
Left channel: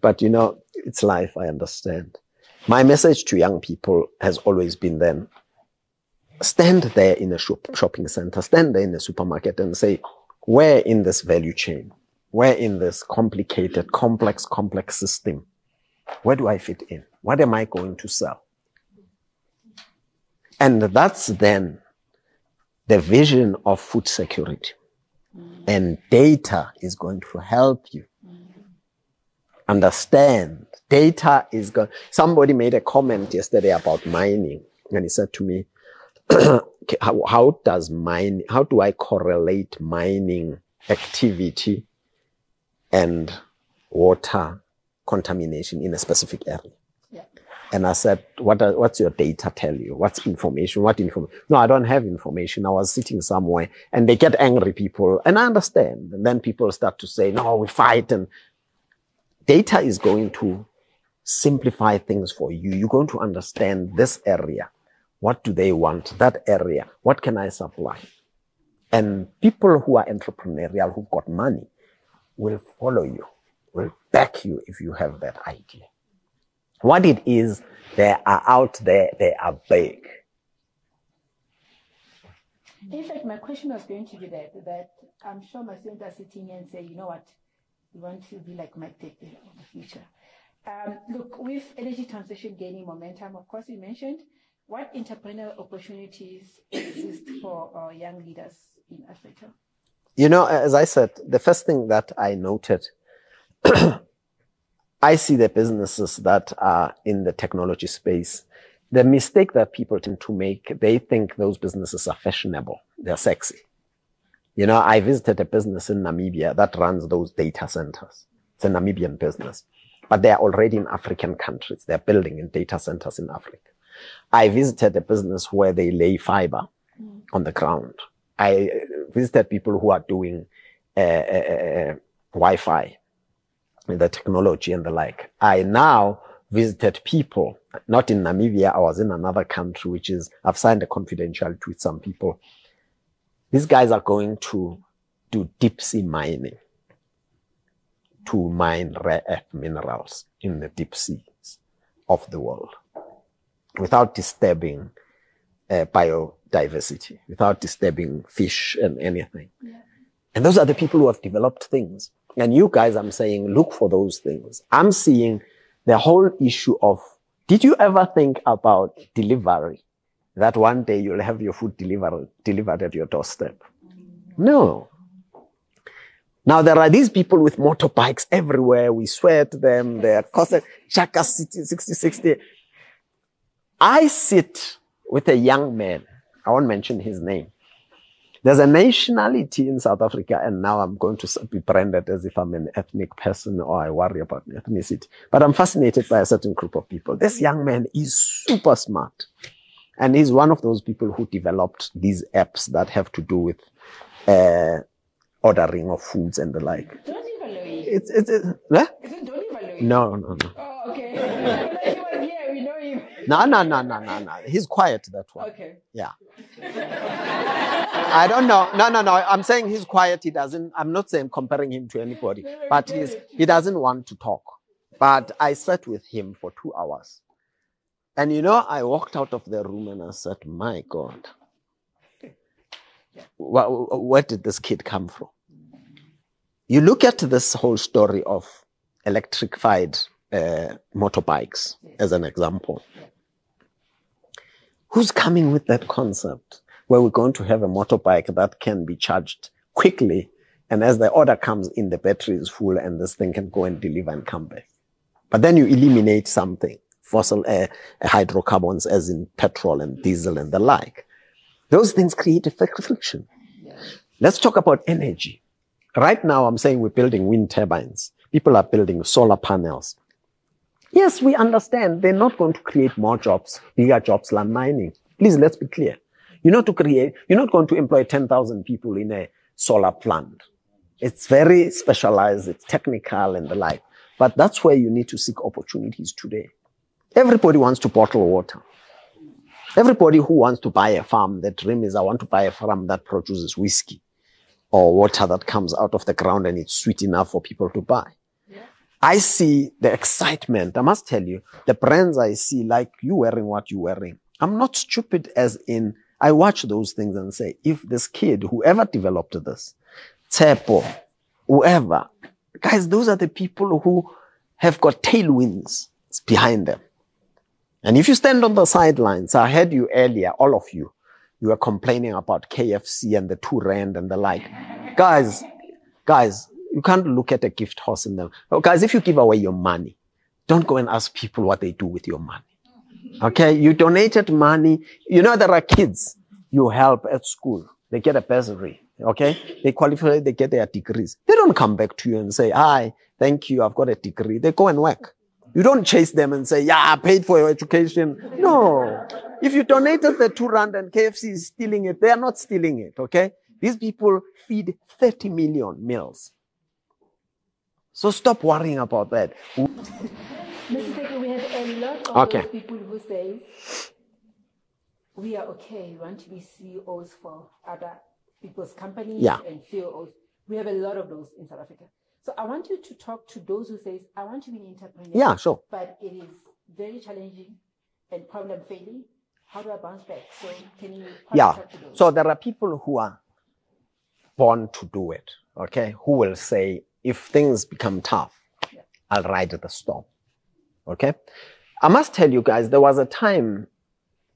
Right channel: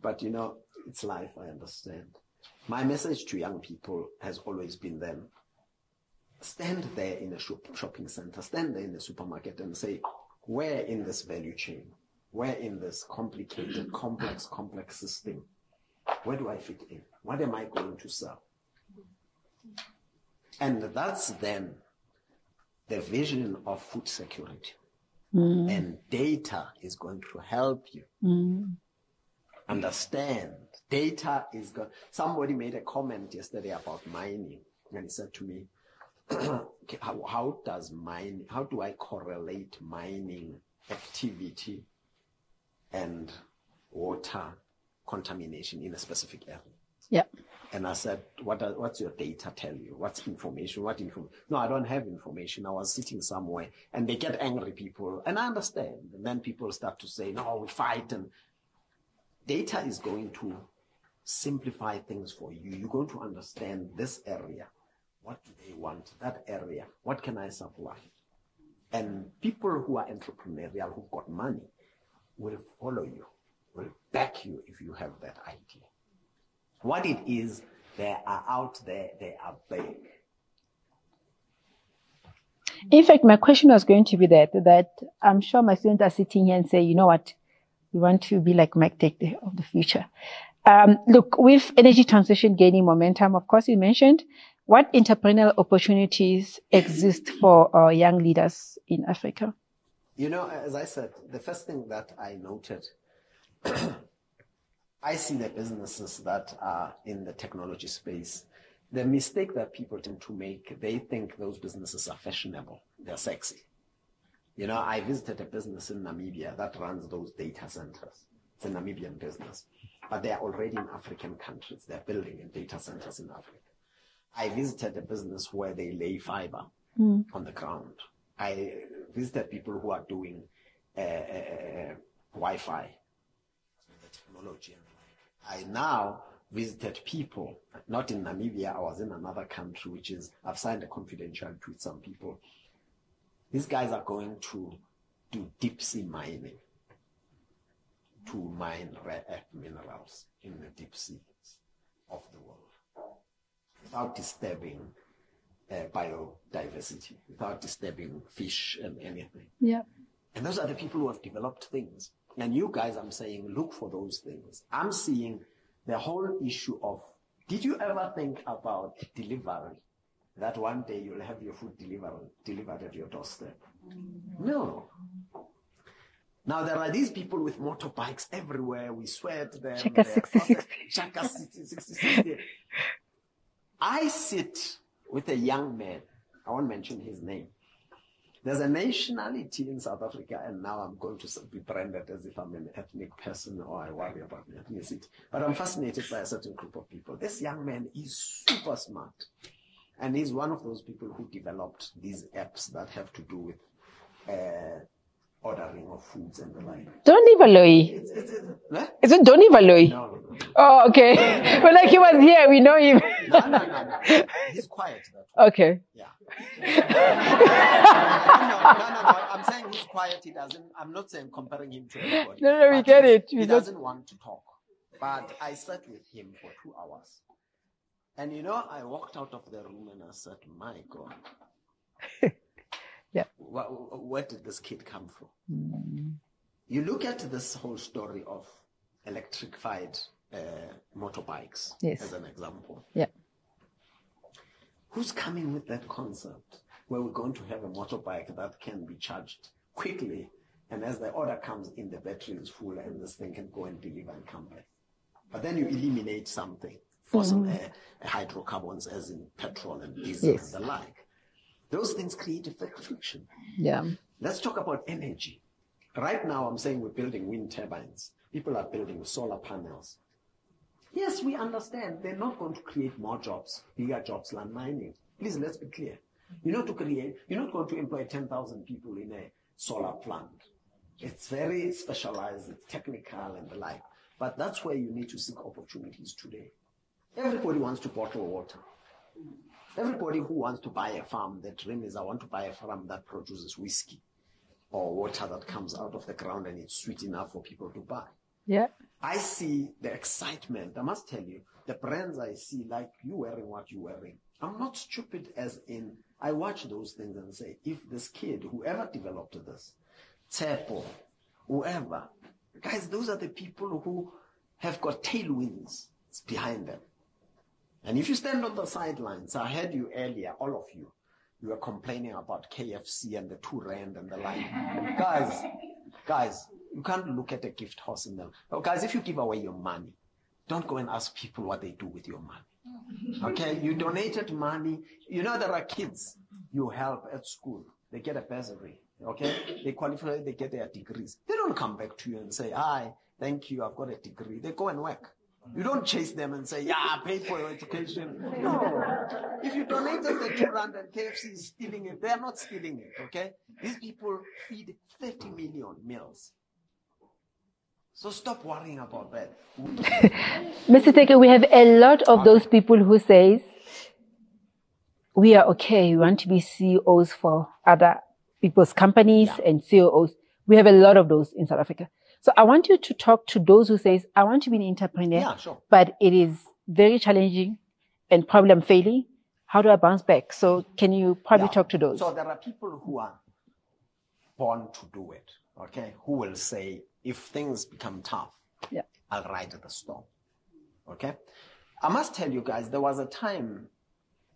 But you know, it's life, I understand. My message to young people has always been then, stand there in a shopping center, stand there in a supermarket and say, where in this value chain, where in this complicated, complex system, where do I fit in? What am I going to sell? And that's then the vision of food security. And data is going to help you understand. Data is going. Somebody made a comment yesterday about mining, and he said to me, how do I correlate mining activity and water contamination in a specific area? Yeah. And I said, what's your data tell you? What's information? What information? No, I don't have information. I was sitting somewhere and they get angry, people, and I understand. And then people start to say, no, we fight. And data is going to simplify things for you. You're going to understand this area. What do they want? That area. What can I supply? And people who are entrepreneurial, who've got money, will follow you, will back you if you have that idea. What it is, they are out there, they are big. In fact, my question was going to be that I'm sure my students are sitting here and say, you know what, we want to be like Mike Teke of the future. Look, with energy transition gaining momentum, of course, you mentioned, what entrepreneurial opportunities exist for young leaders in Africa? You know, as I said, the first thing that I noted, I see the businesses that are in the technology space. The mistake that people tend to make, they think those businesses are fashionable. They're sexy. You know, I visited a business in Namibia that runs those data centers. It's a Namibian business, but they're already in African countries. They're building in data centers in Africa. I visited a business where they lay fiber on the ground. I visited people who are doing Wi-Fi, the technology and the like. I now visited people, not in Namibia, I was in another country, which is, I've signed a confidentiality with some people. These guys are going to do deep sea mining to mine rare earth minerals in the deep seas of the world without disturbing biodiversity, without disturbing fish and anything. Yeah. And those are the people who have developed things. And you guys, I'm saying, look for those things. I'm seeing the whole issue of, did you ever think about delivery? That one day you'll have your food delivered at your doorstep. No. Now there are these people with motorbikes everywhere. We swear to them. They're Chaka 60. I sit with a young man. I won't mention his name. There's a nationality in South Africa, and now I'm going to be branded as if I'm an ethnic person or I worry about ethnicity. But I'm fascinated by a certain group of people. This young man is super smart. And he's one of those people who developed these apps that have to do with ordering of foods and the like. Donny Valoy. Is it Donny Valoy? No. Oh, okay. But like he was here, we know him. No. He's quiet, that one. Okay. Yeah. I don't know. No. I'm saying he's quiet. I'm not saying comparing him to anybody. No, but we get it. He doesn't want to talk. But I sat with him for 2 hours. And I walked out of the room and I said, my God. Yeah. Where did this kid come from? You look at this whole story of electrified motorbikes as an example. Yeah. Who's coming with that concept where we're going to have a motorbike that can be charged quickly, and as the order comes in, the battery is full and this thing can go and deliver and come back? But then you eliminate something, fossil hydrocarbons as in petrol and diesel and the like. Those things create a friction. Yeah. Let's talk about energy. Right now, I'm saying we're building wind turbines. People are building solar panels. Yes, we understand they're not going to create more jobs, bigger jobs like mining. Please, let's be clear. You're not going to employ 10,000 people in a solar plant. It's very specialized, it's technical and the like. But that's where you need to seek opportunities today. Everybody wants to bottle water. Everybody who wants to buy a farm, the dream is I want to buy a farm that produces whiskey or water that comes out of the ground and it's sweet enough for people to buy. Yeah. I see the excitement. I must tell you, the brands I see, like you wearing what you're wearing. I'm not stupid as in, I watch those things and say, if this kid, whoever developed this, Tsepo, whoever, guys, those are the people who have got tailwinds behind them. And if you stand on the sidelines, I heard you earlier, all of you, you were complaining about KFC and the 2 rand and the like. Guys, you can't look at a gift horse in them. Oh, guys, if you give away your money, don't go and ask people what they do with your money. Okay? You donated money. There are kids you help at school. They get a bursary. Okay? They qualify, they get their degrees. They don't come back to you and say, hi, thank you, I've got a degree. They go and work. You don't chase them and say, yeah, I paid for your education. No. If you donated the 2 rand and KFC is stealing it, they are not stealing it, okay? These people feed 30 million meals. So stop worrying about that. Mr. Teke, we have a lot of those people who say, we are okay, we want to be CEOs for other people's companies and CEOs. We have a lot of those in South Africa. So I want you to talk to those who say, I want to be an entrepreneur. Yeah, sure. But it is very challenging and probably I'm failing. How do I bounce back? So can you probably talk to those? So there are people who are born to do it, okay? Who will say, if things become tough, I'll ride the storm, okay? I must tell you guys, there was a time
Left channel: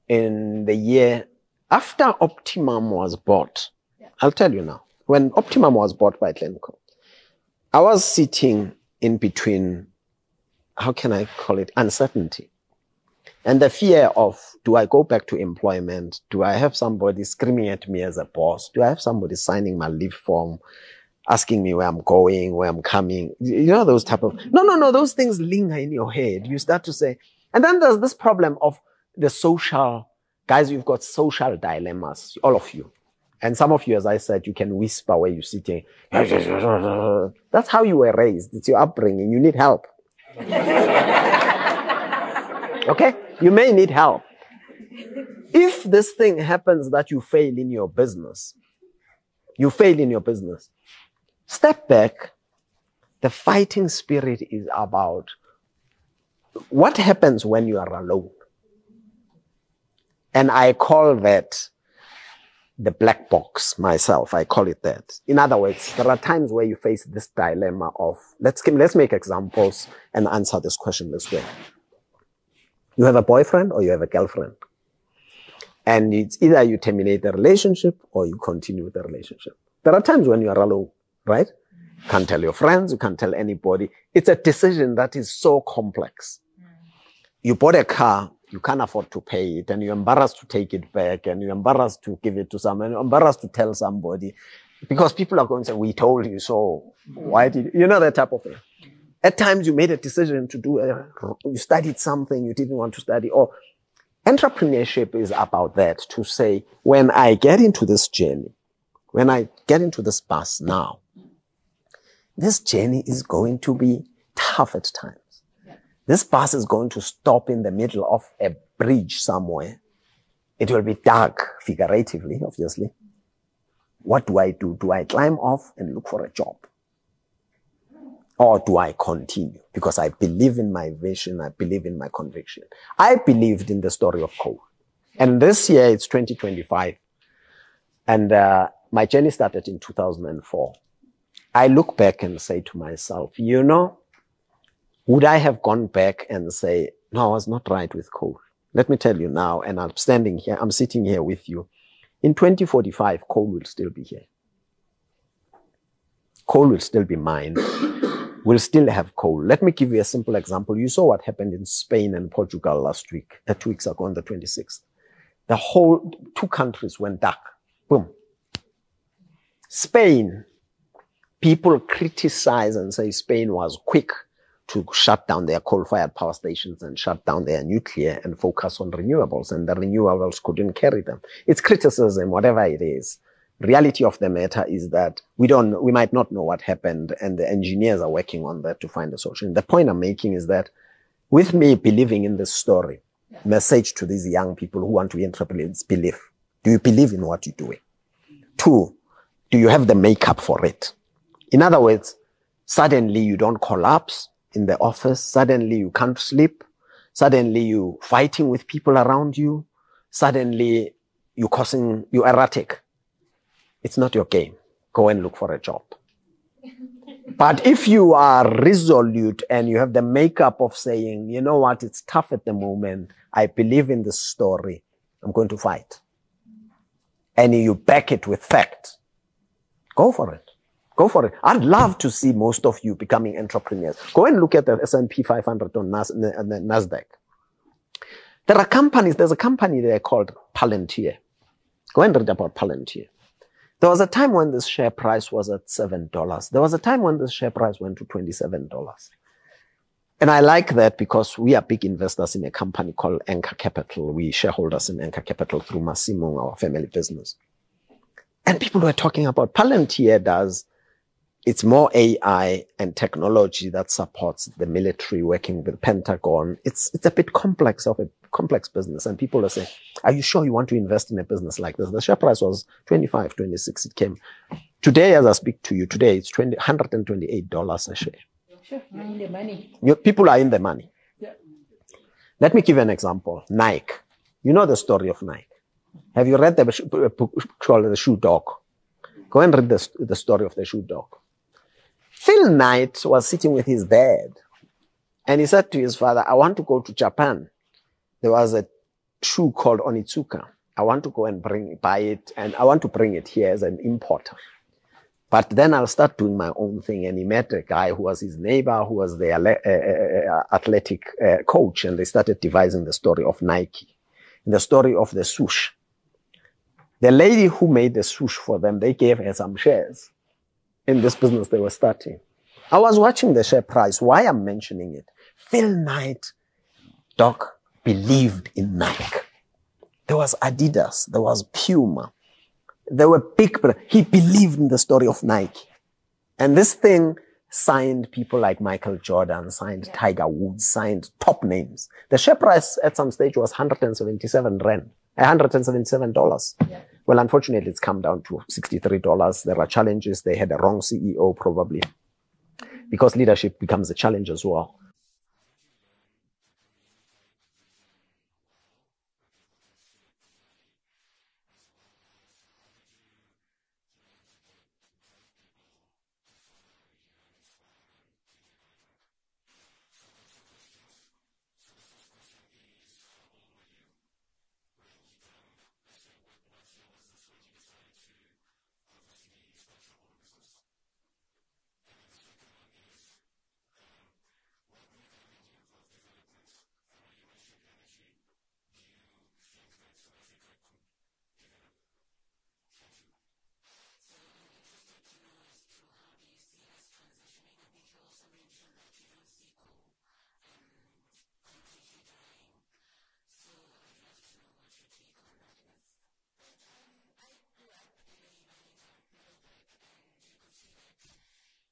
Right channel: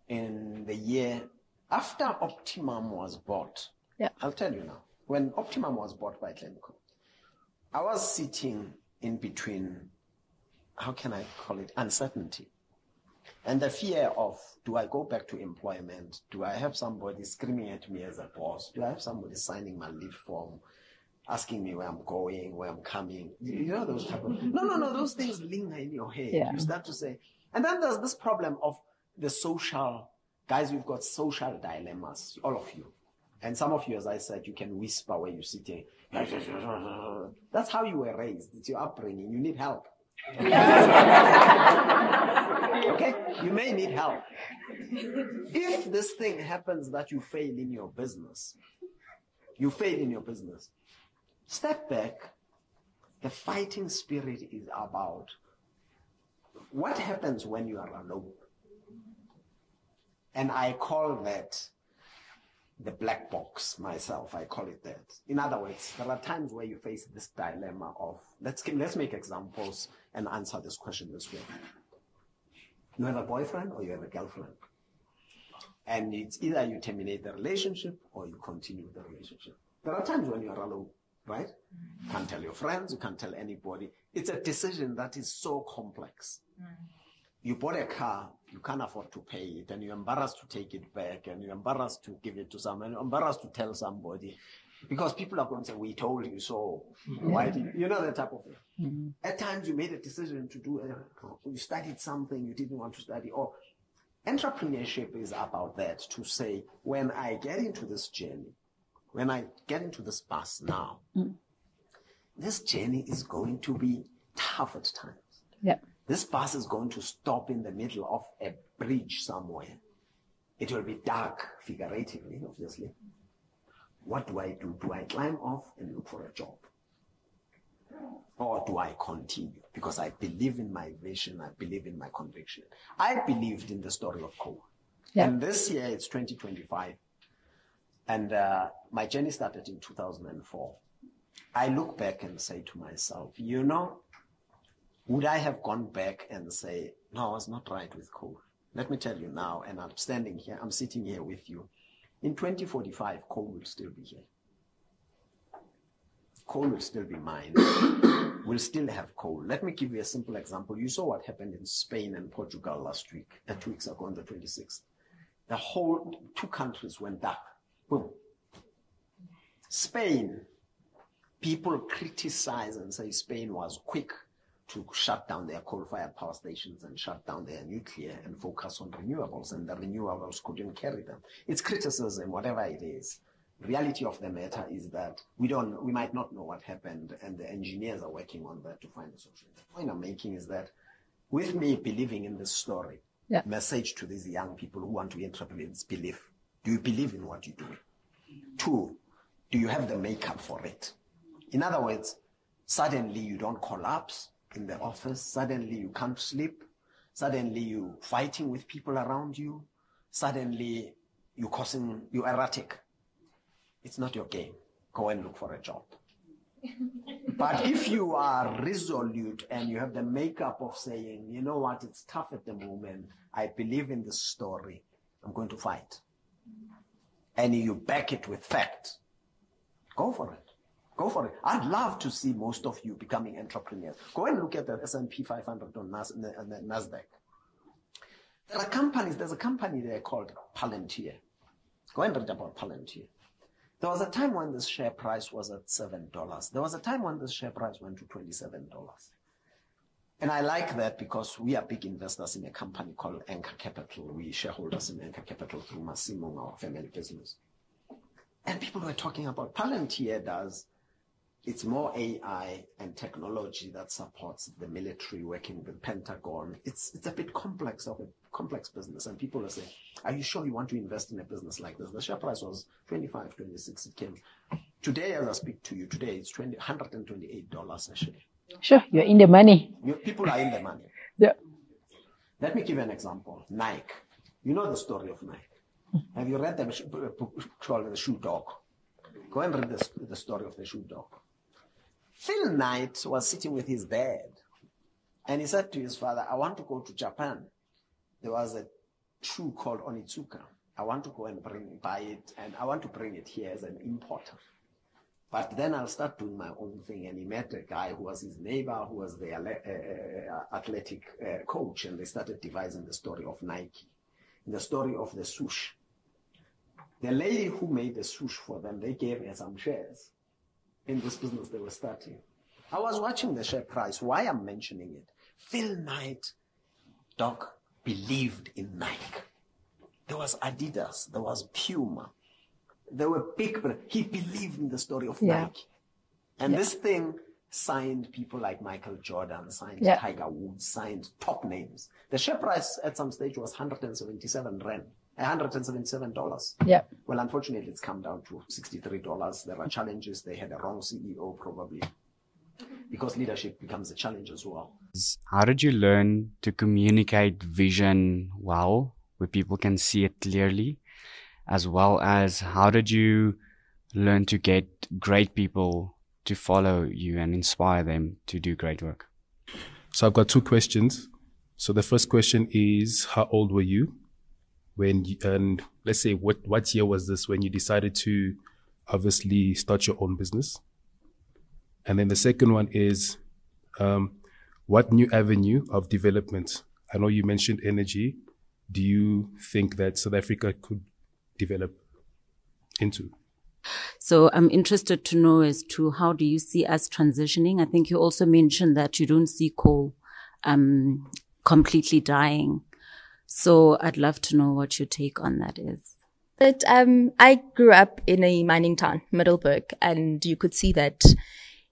in the year after Optimum was bought. Yeah. I'll tell you now. When Optimum was bought by Glencore, I was sitting in between, how can I call it, uncertainty. And the fear of, do I go back to employment? Do I have somebody screaming at me as a boss? Do I have somebody signing my leave form, asking me where I'm going, where I'm coming? Those type of, no, those things linger in your head. Yeah. You start to say, and then there's this problem of the social, guys, you've got social dilemmas, all of you. And some of you, as I said, you can whisper where you're sitting. That's how you were raised. It's your upbringing. You need help. Okay? You may need help. If this thing happens that you fail in your business, step back. The fighting spirit is about what happens when you are alone. And I call that the black box myself. I call it that. In other words, there are times where you face this dilemma of, let's make examples and answer this question this way. You have a boyfriend or you have a girlfriend. And it's either you terminate the relationship or you continue the relationship. There are times when you are alone, right? You can't tell your friends, you can't tell anybody. It's a decision that is so complex. You bought a car you can't afford to pay it, and you're embarrassed to take it back, and you're embarrassed to give it to someone, you're embarrassed to tell somebody, because people are going to say, we told you so. Why did you know that type of thing? At times you made a decision to do, you studied something you didn't want to study. Or entrepreneurship is about that, to say, when I get into this journey, when I get into this bus now, this journey is going to be tough at times. Yeah. This bus is going to stop in the middle of a bridge somewhere. It will be dark, figuratively, obviously. What do I do? Do I climb off and look for a job? Or do I continue? Because I believe in my vision, I believe in my conviction. I believed in the story of coal. Yeah. And this year, it's 2025. And my journey started in 2004. I look back and say to myself, you know, would I have gone back and say, no, I was not right with coal? Let me tell you now, and I'm sitting here with you. In 2045, coal will still be here. Coal will still be mined. We'll still have coal. Let me give you a simple example. You saw what happened in Spain and Portugal last week, 2 weeks ago on the 26th. The whole 2 countries went dark. Boom. Spain, people criticize and say Spain was quick to shut down their coal-fired power stations and shut down their nuclear and focus on renewables, and the renewables couldn't carry them. It's criticism, whatever it is. Reality of the matter is that we might not know what happened, and the engineers are working on that to find a solution. The point I'm making is that with me believing in this story, message to these young people who want to be entrepreneurs, believe. Do you believe in what you're doing? 2, do you have the makeup for it? In other words, suddenly you don't collapse in the office. Suddenly you can't sleep. Suddenly you fighting with people around you. Suddenly you're erratic. It's not your game. Go and look for a job. But if you are resolute and you have the makeup of saying, you know what, it's tough at the moment, I believe in this story, I'm going to fight. And you back it with fact, go for it. Go for it. I'd love to see most of you becoming entrepreneurs. Go and look at the S&P 500 on NASDAQ. There are companies, there's a company there called Palantir. Go and read about Palantir. There was a time when this share price was at $7. There was a time when this share price went to $27. And I like that because we are big investors in a company called Anchor Capital. We shareholders in Anchor Capital through Massimo, our family business. And people were talking about Palantir it's more AI and technology that supports the military working with the Pentagon. It's a bit complex business. And people are saying, are you sure you want to invest in a business like this? The share price was 25, 26. It came. Today, as I speak to you, today it's $128 a share. Sure, you're in the money. People are in the money. Yeah. Let me give you an example. Nike. You know the story of Nike. Have you read the book called The Shoe Dog? Go and read the story of The Shoe Dog. Phil Knight was sitting with his dad, and he said to his father, I want to go to Japan. There was a shoe called Onitsuka. I want to go and buy it, and I want to bring it here as an importer. But then I'll start doing my own thing. And he met a guy who was his neighbor, who was the athletic coach, and they started devising the story of Nike, and the story of the swoosh. The lady who made the swoosh for them, they gave her some shares in this business they were starting. I was watching the share price. Why I'm mentioning it? Phil Knight, Doc, believed in Nike. There was Adidas. There was Puma. There were big, he believed in the story of Nike. And this thing signed people like Michael Jordan, signed Tiger Woods, signed top names. The share price at some stage was 177 rand. $177. Yeah. Well, unfortunately, it's come down to $63. There are challenges. They had a wrong CEO, probably, because leadership becomes a challenge as well. How did you learn to communicate vision well, where people can see it clearly, as well as how did you learn to get great people to follow you and inspire them to do great work? So I've got 2 questions. So the first question is, how old were you? And let's say, what year was this when you decided to obviously start your own business? And then the second one is, what new avenue of development? I know you mentioned energy, do you think that South Africa could develop into? So I'm interested to know as to how do you see us transitioning? I think you also mentioned that you don't see coal completely dying. So I'd love to know what your take on that is. But I grew up in a mining town, Middelburg, and you could see that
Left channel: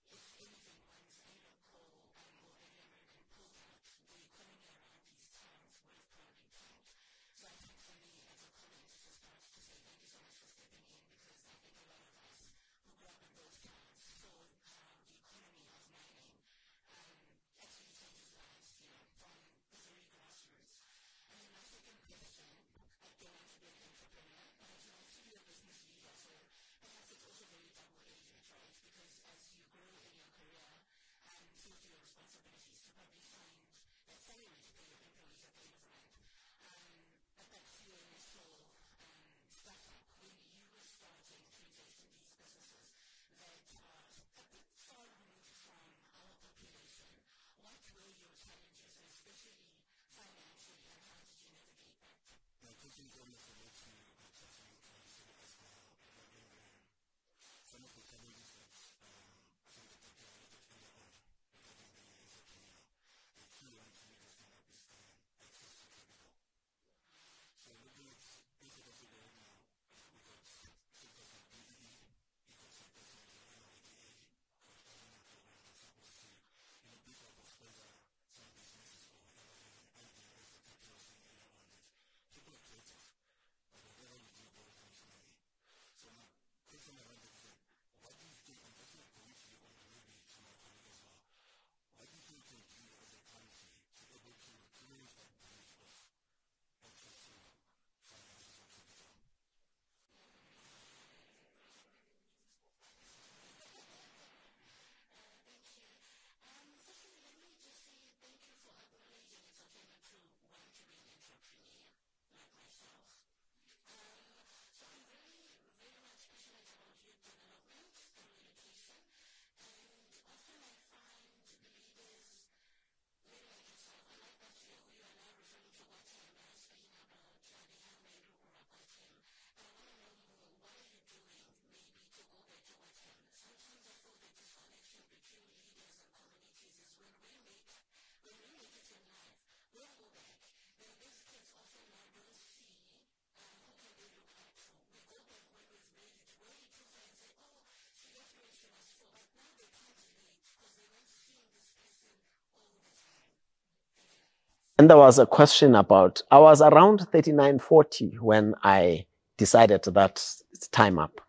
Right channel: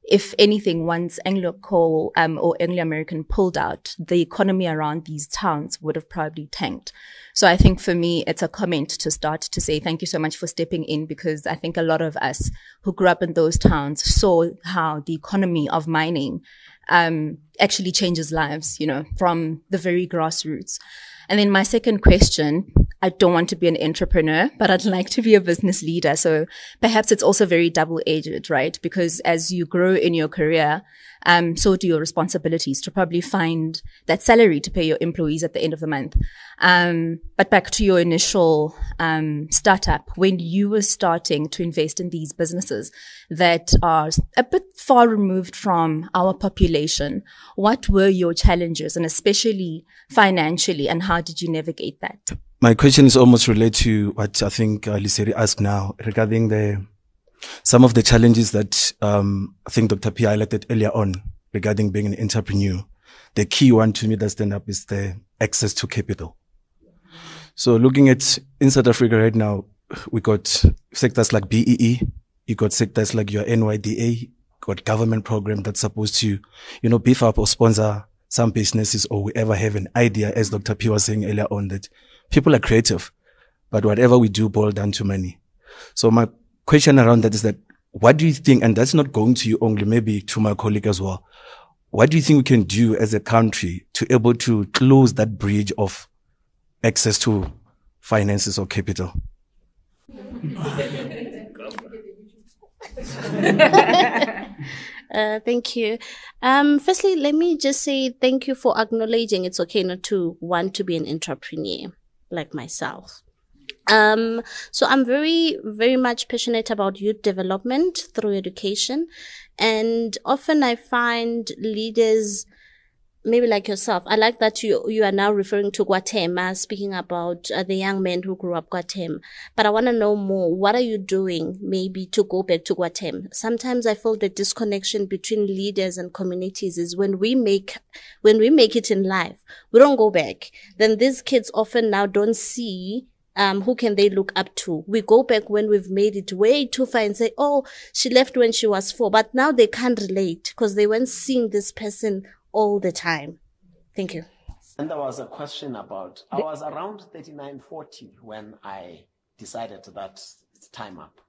if anything, once Anglo Coal or Anglo-American pulled out, the economy around these towns would have probably tanked. So I think for me, it's a comment to start to say thank you so much for stepping in, because I think a lot of us who grew up in those towns saw how the economy of mining actually changes lives, you know, from the very grassroots. And then my second question, I don't want to be an entrepreneur, but I'd like to be a business leader. So perhaps it's also very double-edged, right? Because as you grow in your career, so do your responsibilities to probably find that salary to pay your employees at the end of the month. But back to your initial startup, when you were starting to invest in these businesses that are a bit far removed from our population, what were your challenges, and especially financially, and how did you navigate that? My question is almost related to what I think Liseri asked now regarding some of the challenges that I think Dr. P highlighted earlier on regarding being an entrepreneur. The key one to me that stand up is the access to capital. So looking at in South Africa right now, we got sectors like BEE, you got sectors like your NYDA, got government program that's supposed to, you know, beef up or sponsor some businesses, or we ever have an idea, as Dr. P was saying earlier on, that people are creative, but whatever we do boils down to money. So my question around that is that, what do you think, and that's not going to you only, maybe to my colleague as well, what do you think we can do as a country to able to close that bridge of access to finances or capital? Thank you. Firstly, let me just say thank you for acknowledging it's okay not to want to be an entrepreneur like myself. So I'm very, very much passionate about youth development through education. And often I find leaders, maybe like yourself, I like that you are now referring to Guatemala, speaking about the young men who grew up Guatemala. But I want to know more. What are you doing maybe to go back to Guatemala? Sometimes I feel the disconnection between leaders and communities is when we make it in life, we don't go back. Then these kids often now don't see who can they look up to. We go back when we've made it way too far and say, oh, she left when she was 4. But now they can't relate because they weren't seeing this person all the time. Thank you. And there was a question about, I was around 39, 40 when I decided that it's time up.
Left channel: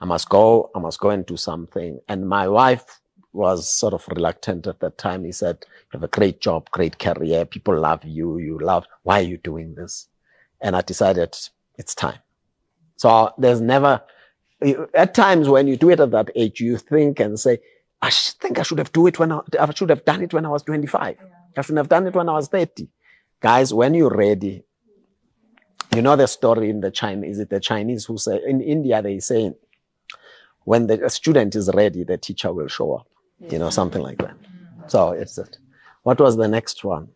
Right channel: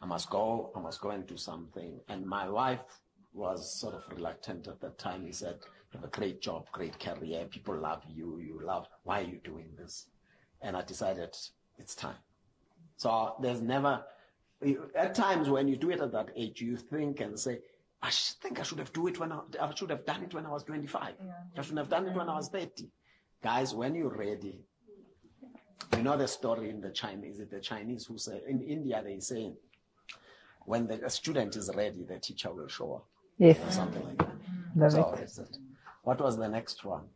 I must go and do something. And my wife was sort of reluctant at that time. He said, you have a great job, great career. People love you. Why are you doing this? And I decided it's time. So there's never, at times when you do it at that age, you think and say, I think I should have done it when I was 25. Yeah. I shouldn't have done it when I was 30. Guys, when you're ready, you know the story in the Chinese, is it the Chinese who say, in India, they say, when the student is ready, the teacher will show up. Yes. You know, something like that. Mm-hmm. So it's it. What was the next one?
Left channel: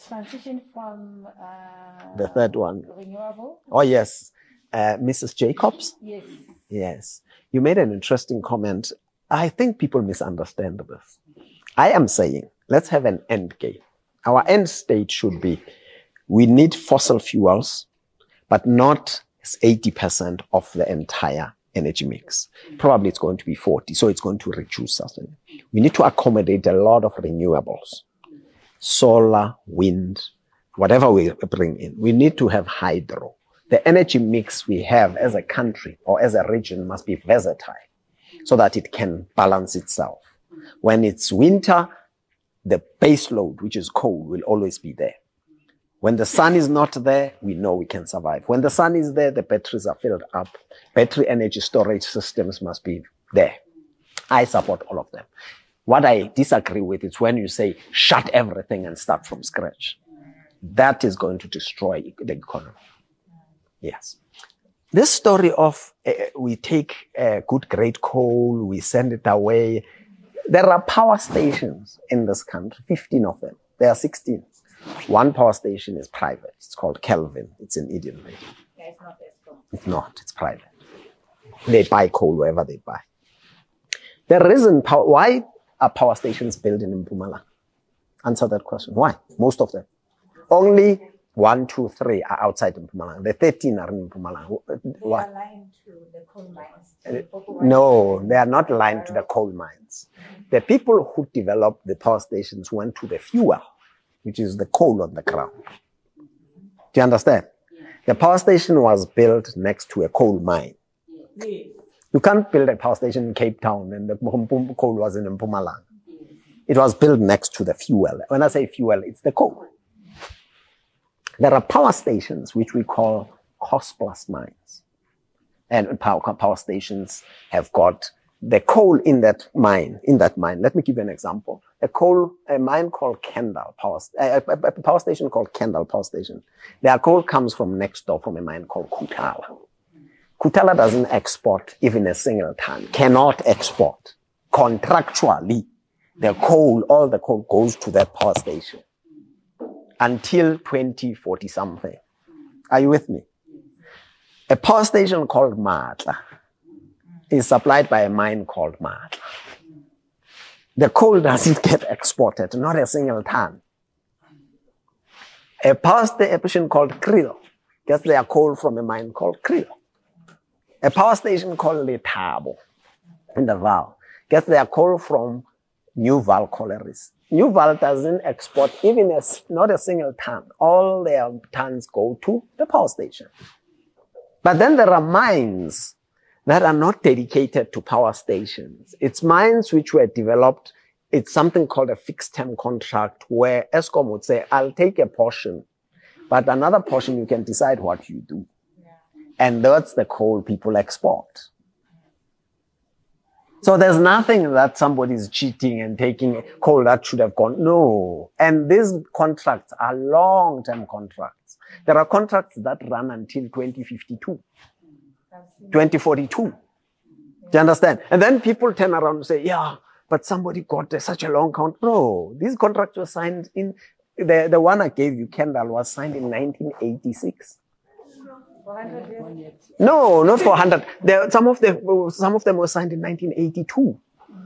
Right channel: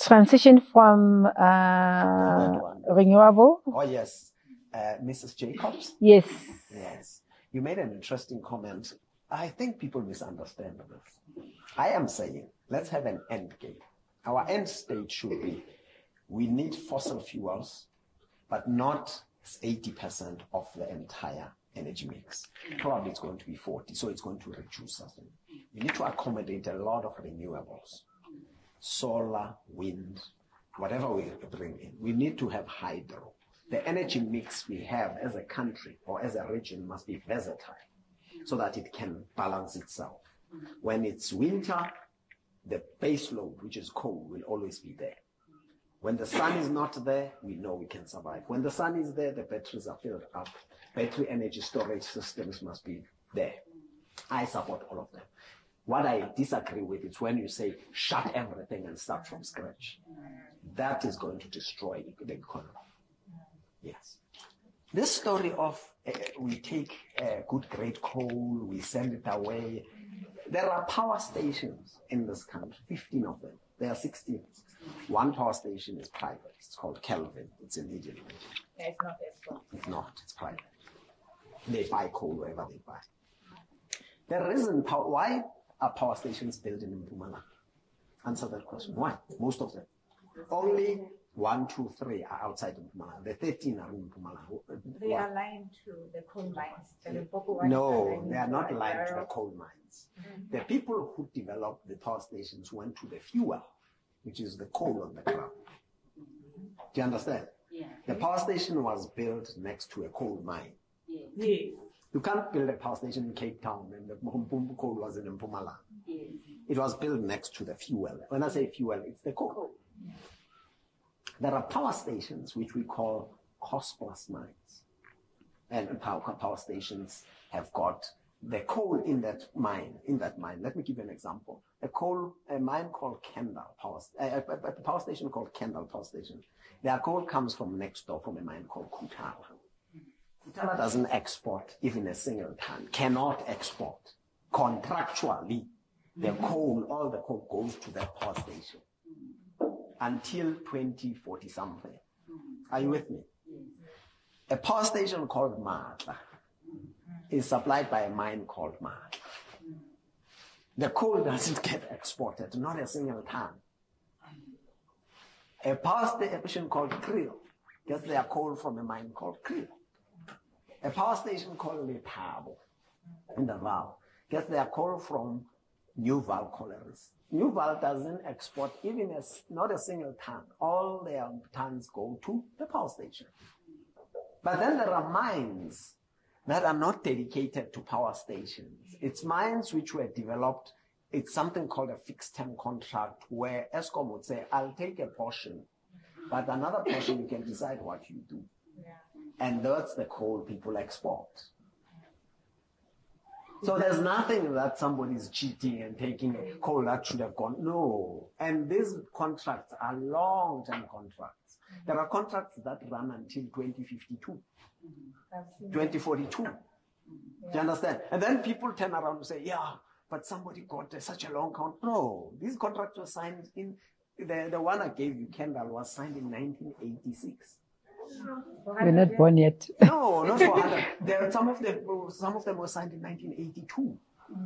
Transition from the third one. Renewable. Oh, yes. Mrs. Jacobs? Yes. Yes. You made an interesting comment. I think people misunderstand this. I am saying, let's have an end game. Our end state should be, we need fossil fuels, but not 80% of the entire energy mix. Probably it's going to be 40, so it's going to reduce something. We need to accommodate a lot of renewables. Solar, wind, whatever we bring in. We need to have hydro. The energy mix we have as a country or as a region must be versatile so that it can balance itself. When it's winter, the base load, which is coal, will always be there. When the sun is not there, we know we can survive. When the sun is there, the batteries are filled up. Battery energy storage systems must be there. I support all of them. What I disagree with is when you say, shut everything and start from scratch. That is going to destroy the economy. Yes. This story of we take good grade coal, we send it away. There are power stations in this country, 15 of them. There are 16. One power station is private. It's called Kelvin. It's in Indian. Yeah, it's not Eskom. It's not. It's private. They buy coal wherever they buy. The reason why are power stations built in Mpumalanga? Answer that question. Why? Most of them. Only 1, 2, 3 are outside Mpumalanga. The 13 are in Mpumalanga. They are aligned to the coal mines. No, they are not aligned to the coal mines. The people who developed the power stations went to the fuel, which is the coal on the ground. Do you understand? Yeah. The power station was built next to a coal mine. Yeah. You can't build a power station in Cape Town and the coal was in Mpumalanga. Yeah. It was built next to the fuel. When I say fuel, it's the coal. There are power stations which we call cost-plus mines. And power stations have got the coal in that mine. Let me give you an example. A mine called Kendall a power station called Kendall Power Station. Their coal comes from next door from a mine called Kutala. Kutala doesn't export even a single ton, cannot export. Contractually, all the coal goes to that power station until 2040 something. Are you with me? A power station called Matla is supplied by a mine called Matla. The coal doesn't get exported, not a single ton. A power station called Krill gets their coal from a mine called Krill. A power station called Letabo in the Val gets their coal from New Val Collieries. New Val doesn't export even not a single ton. All their tons go to the power station. But then there are mines that are not dedicated to power stations. It's mines which were developed. It's something called a fixed term contract where Eskom would say, I'll take a portion, but another portion you can decide what you do. Yeah. And that's the coal people export. So there's nothing that somebody's cheating and taking coal that should have gone. No. And these contracts are long-term contracts. There are contracts that run until 2052, 2042. Do you understand? And then people turn around and say, yeah, but somebody got such a long contract. No, these contracts were signed in, the one I gave you, Kendall, was signed in 1986. We're not born yet. No, not 400. Some of them were signed in 1982.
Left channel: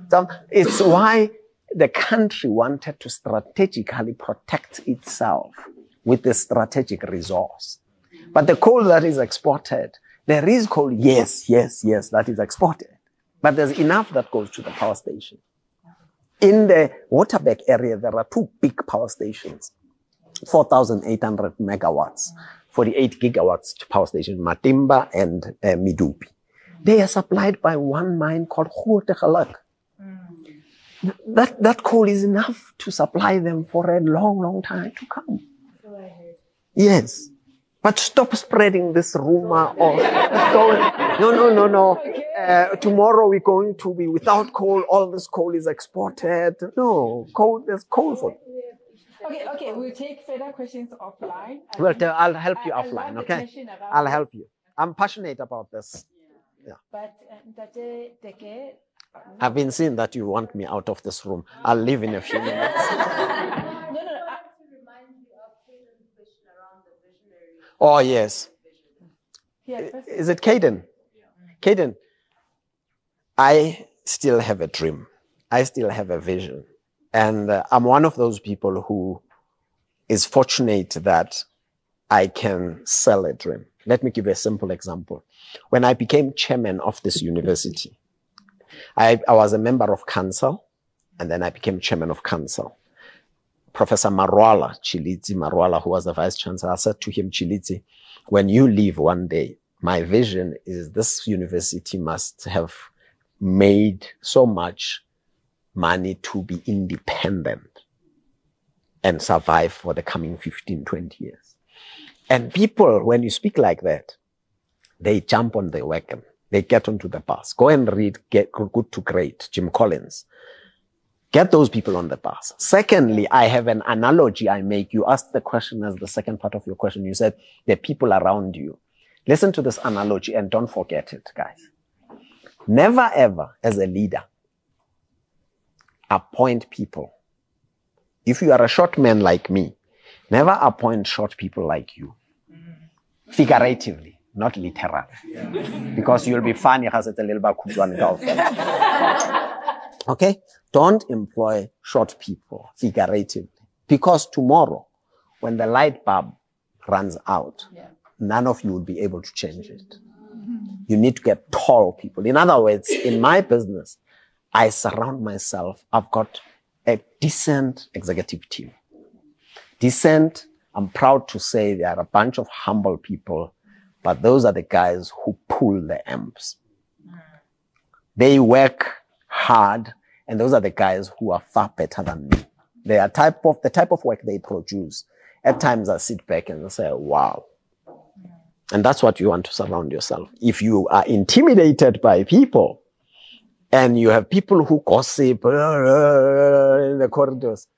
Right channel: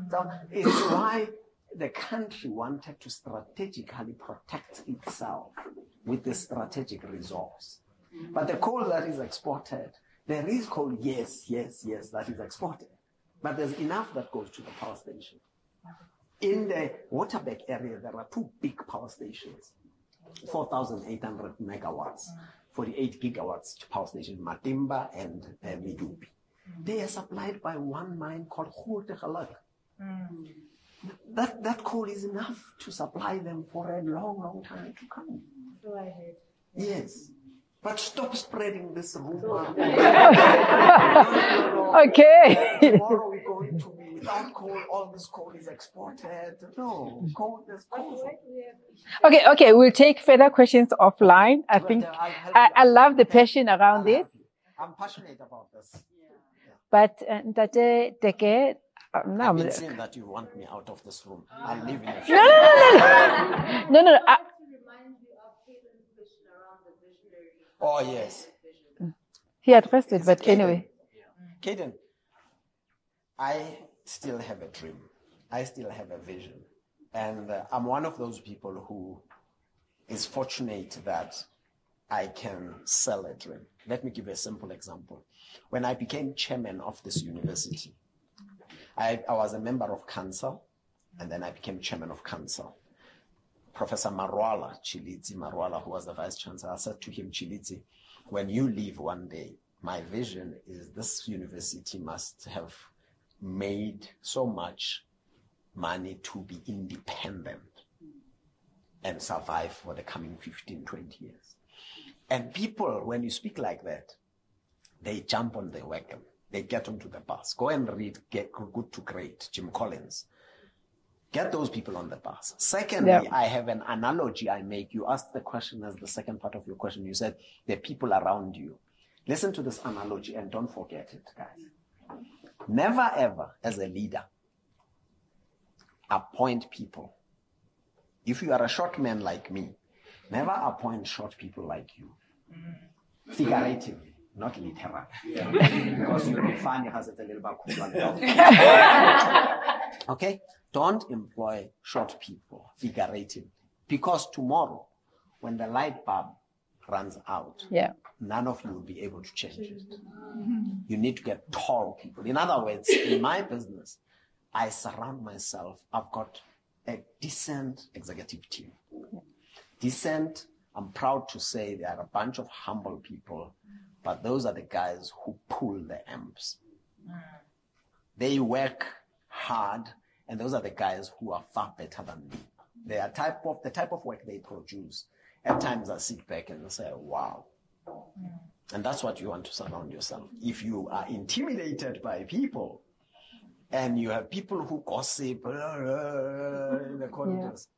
So it's why the country wanted to strategically protect itself with the strategic resource. But the coal that is exported, there is coal, yes, that is exported. But there's enough that goes to the power station. In the Waterberg area, there are 2 big power stations, 4,800 megawatts. 48 gigawatts power station, Matimba and Midupi. They are supplied by one mine called Grootegeluk. That coal is enough to supply them for a long, long time to come. Yes. But stop spreading this rumor. No. Okay. Tomorrow we're going to be without coal. All this coal is exported. No, there's coal for it. Okay, we'll take further questions offline. I'll help you. I love the passion around I'll this. help you. I'm passionate about this. Yeah. But Teke, I've been seeing that you want me out of this room. I'll leave in a few minutes. No. Oh, yes. He had first. Is it Caden? Anyway. Caden, I still have a dream. I still have a vision. And I'm one of those people who is fortunate that I can sell a dream. Let me give you a simple example. When I became chairman of this university, I was a member of council, and then I became chairman of council. Professor Chiliti Marwala, who was the vice chancellor, I said to him, Chiliti, when you leave one day, my vision is this university must have made so much money to be independent and survive for the coming 15, 20 years. And people, when you speak like that, they jump on the wagon. They get onto the bus. Go and read Get Good to Great, Jim Collins. Get those people on the bus. Secondly, I have an analogy I make. You asked the question as the second part of your question. You said the people around you. Listen to this analogy and don't forget it, guys. Never ever, as a leader, appoint people. If you are a short man like me, Never appoint short people like you. Figuratively, not literally. Because you'll be funny. Okay? Don't employ short people figuratively. Because tomorrow, when the light bulb runs out, none of you will be able to change it. You need to get tall people. In other words, in my business, I surround myself. I've got a decent executive team. Decent, I'm proud to say they are a bunch of humble people, but those are the guys who pull the amps. They work hard, and those are the guys who are far better than me. They are the type of work they produce. At times I sit back and say, wow. And that's what you want to surround yourself. If you are intimidated by people and you have people who gossip in the corridors,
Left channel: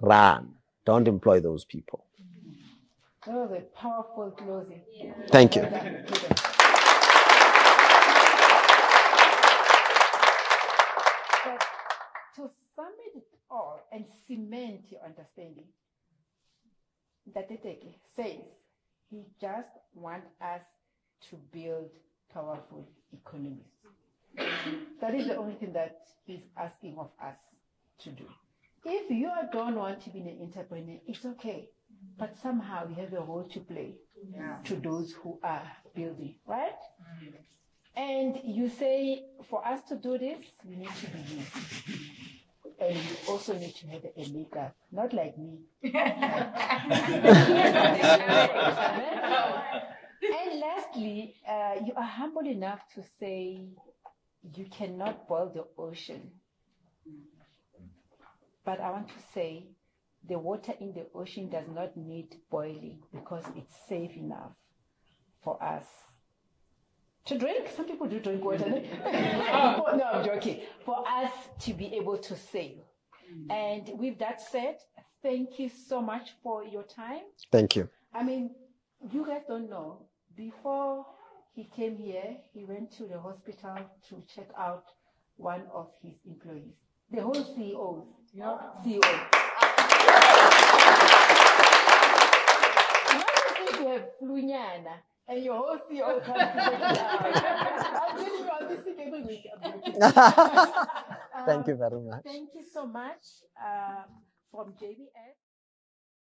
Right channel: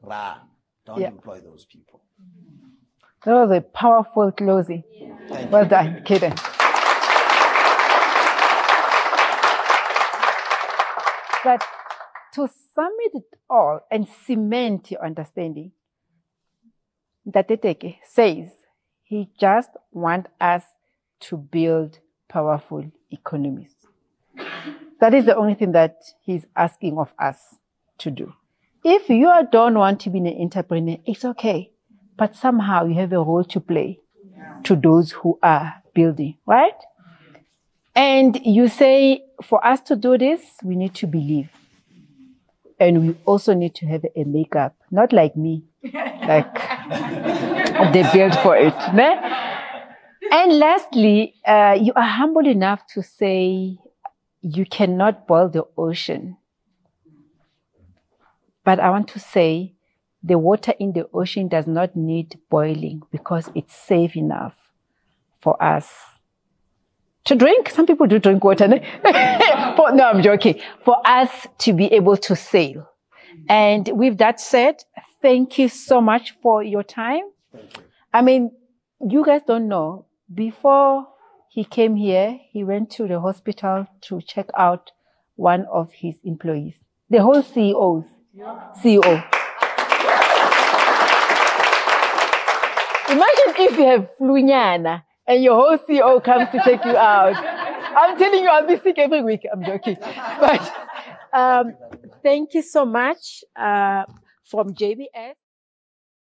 run. Don't employ those people. That was a powerful closing. Thank you. Well done, Kaden. But to sum it all and cement your understanding, Teke says he just wants us to build powerful economies. That is the only thing that he's asking of us to do. If you don't want to be an entrepreneur, it's okay. But somehow you have a role to play to those who are building, right? And you say, for us to do this, we need to believe. And we also need to have a makeup, not like me, like they built for it. Ne? And lastly, you are humble enough to say you cannot boil the ocean. But I want to say the water in the ocean does not need boiling because it's safe enough for us to drink. Some people do drink water. No, I'm joking. For us to be able to sail. And with that said, thank you so much for your time. Thank you. I mean, you guys don't know. Before he came here, he went to the hospital to check out one of his employees. The whole CEO. Imagine if you have flunyana and your whole CEO comes to take you out. I'm telling you, I'll be sick every week. I'm joking. But, thank you very much. Thank you so much from JBS.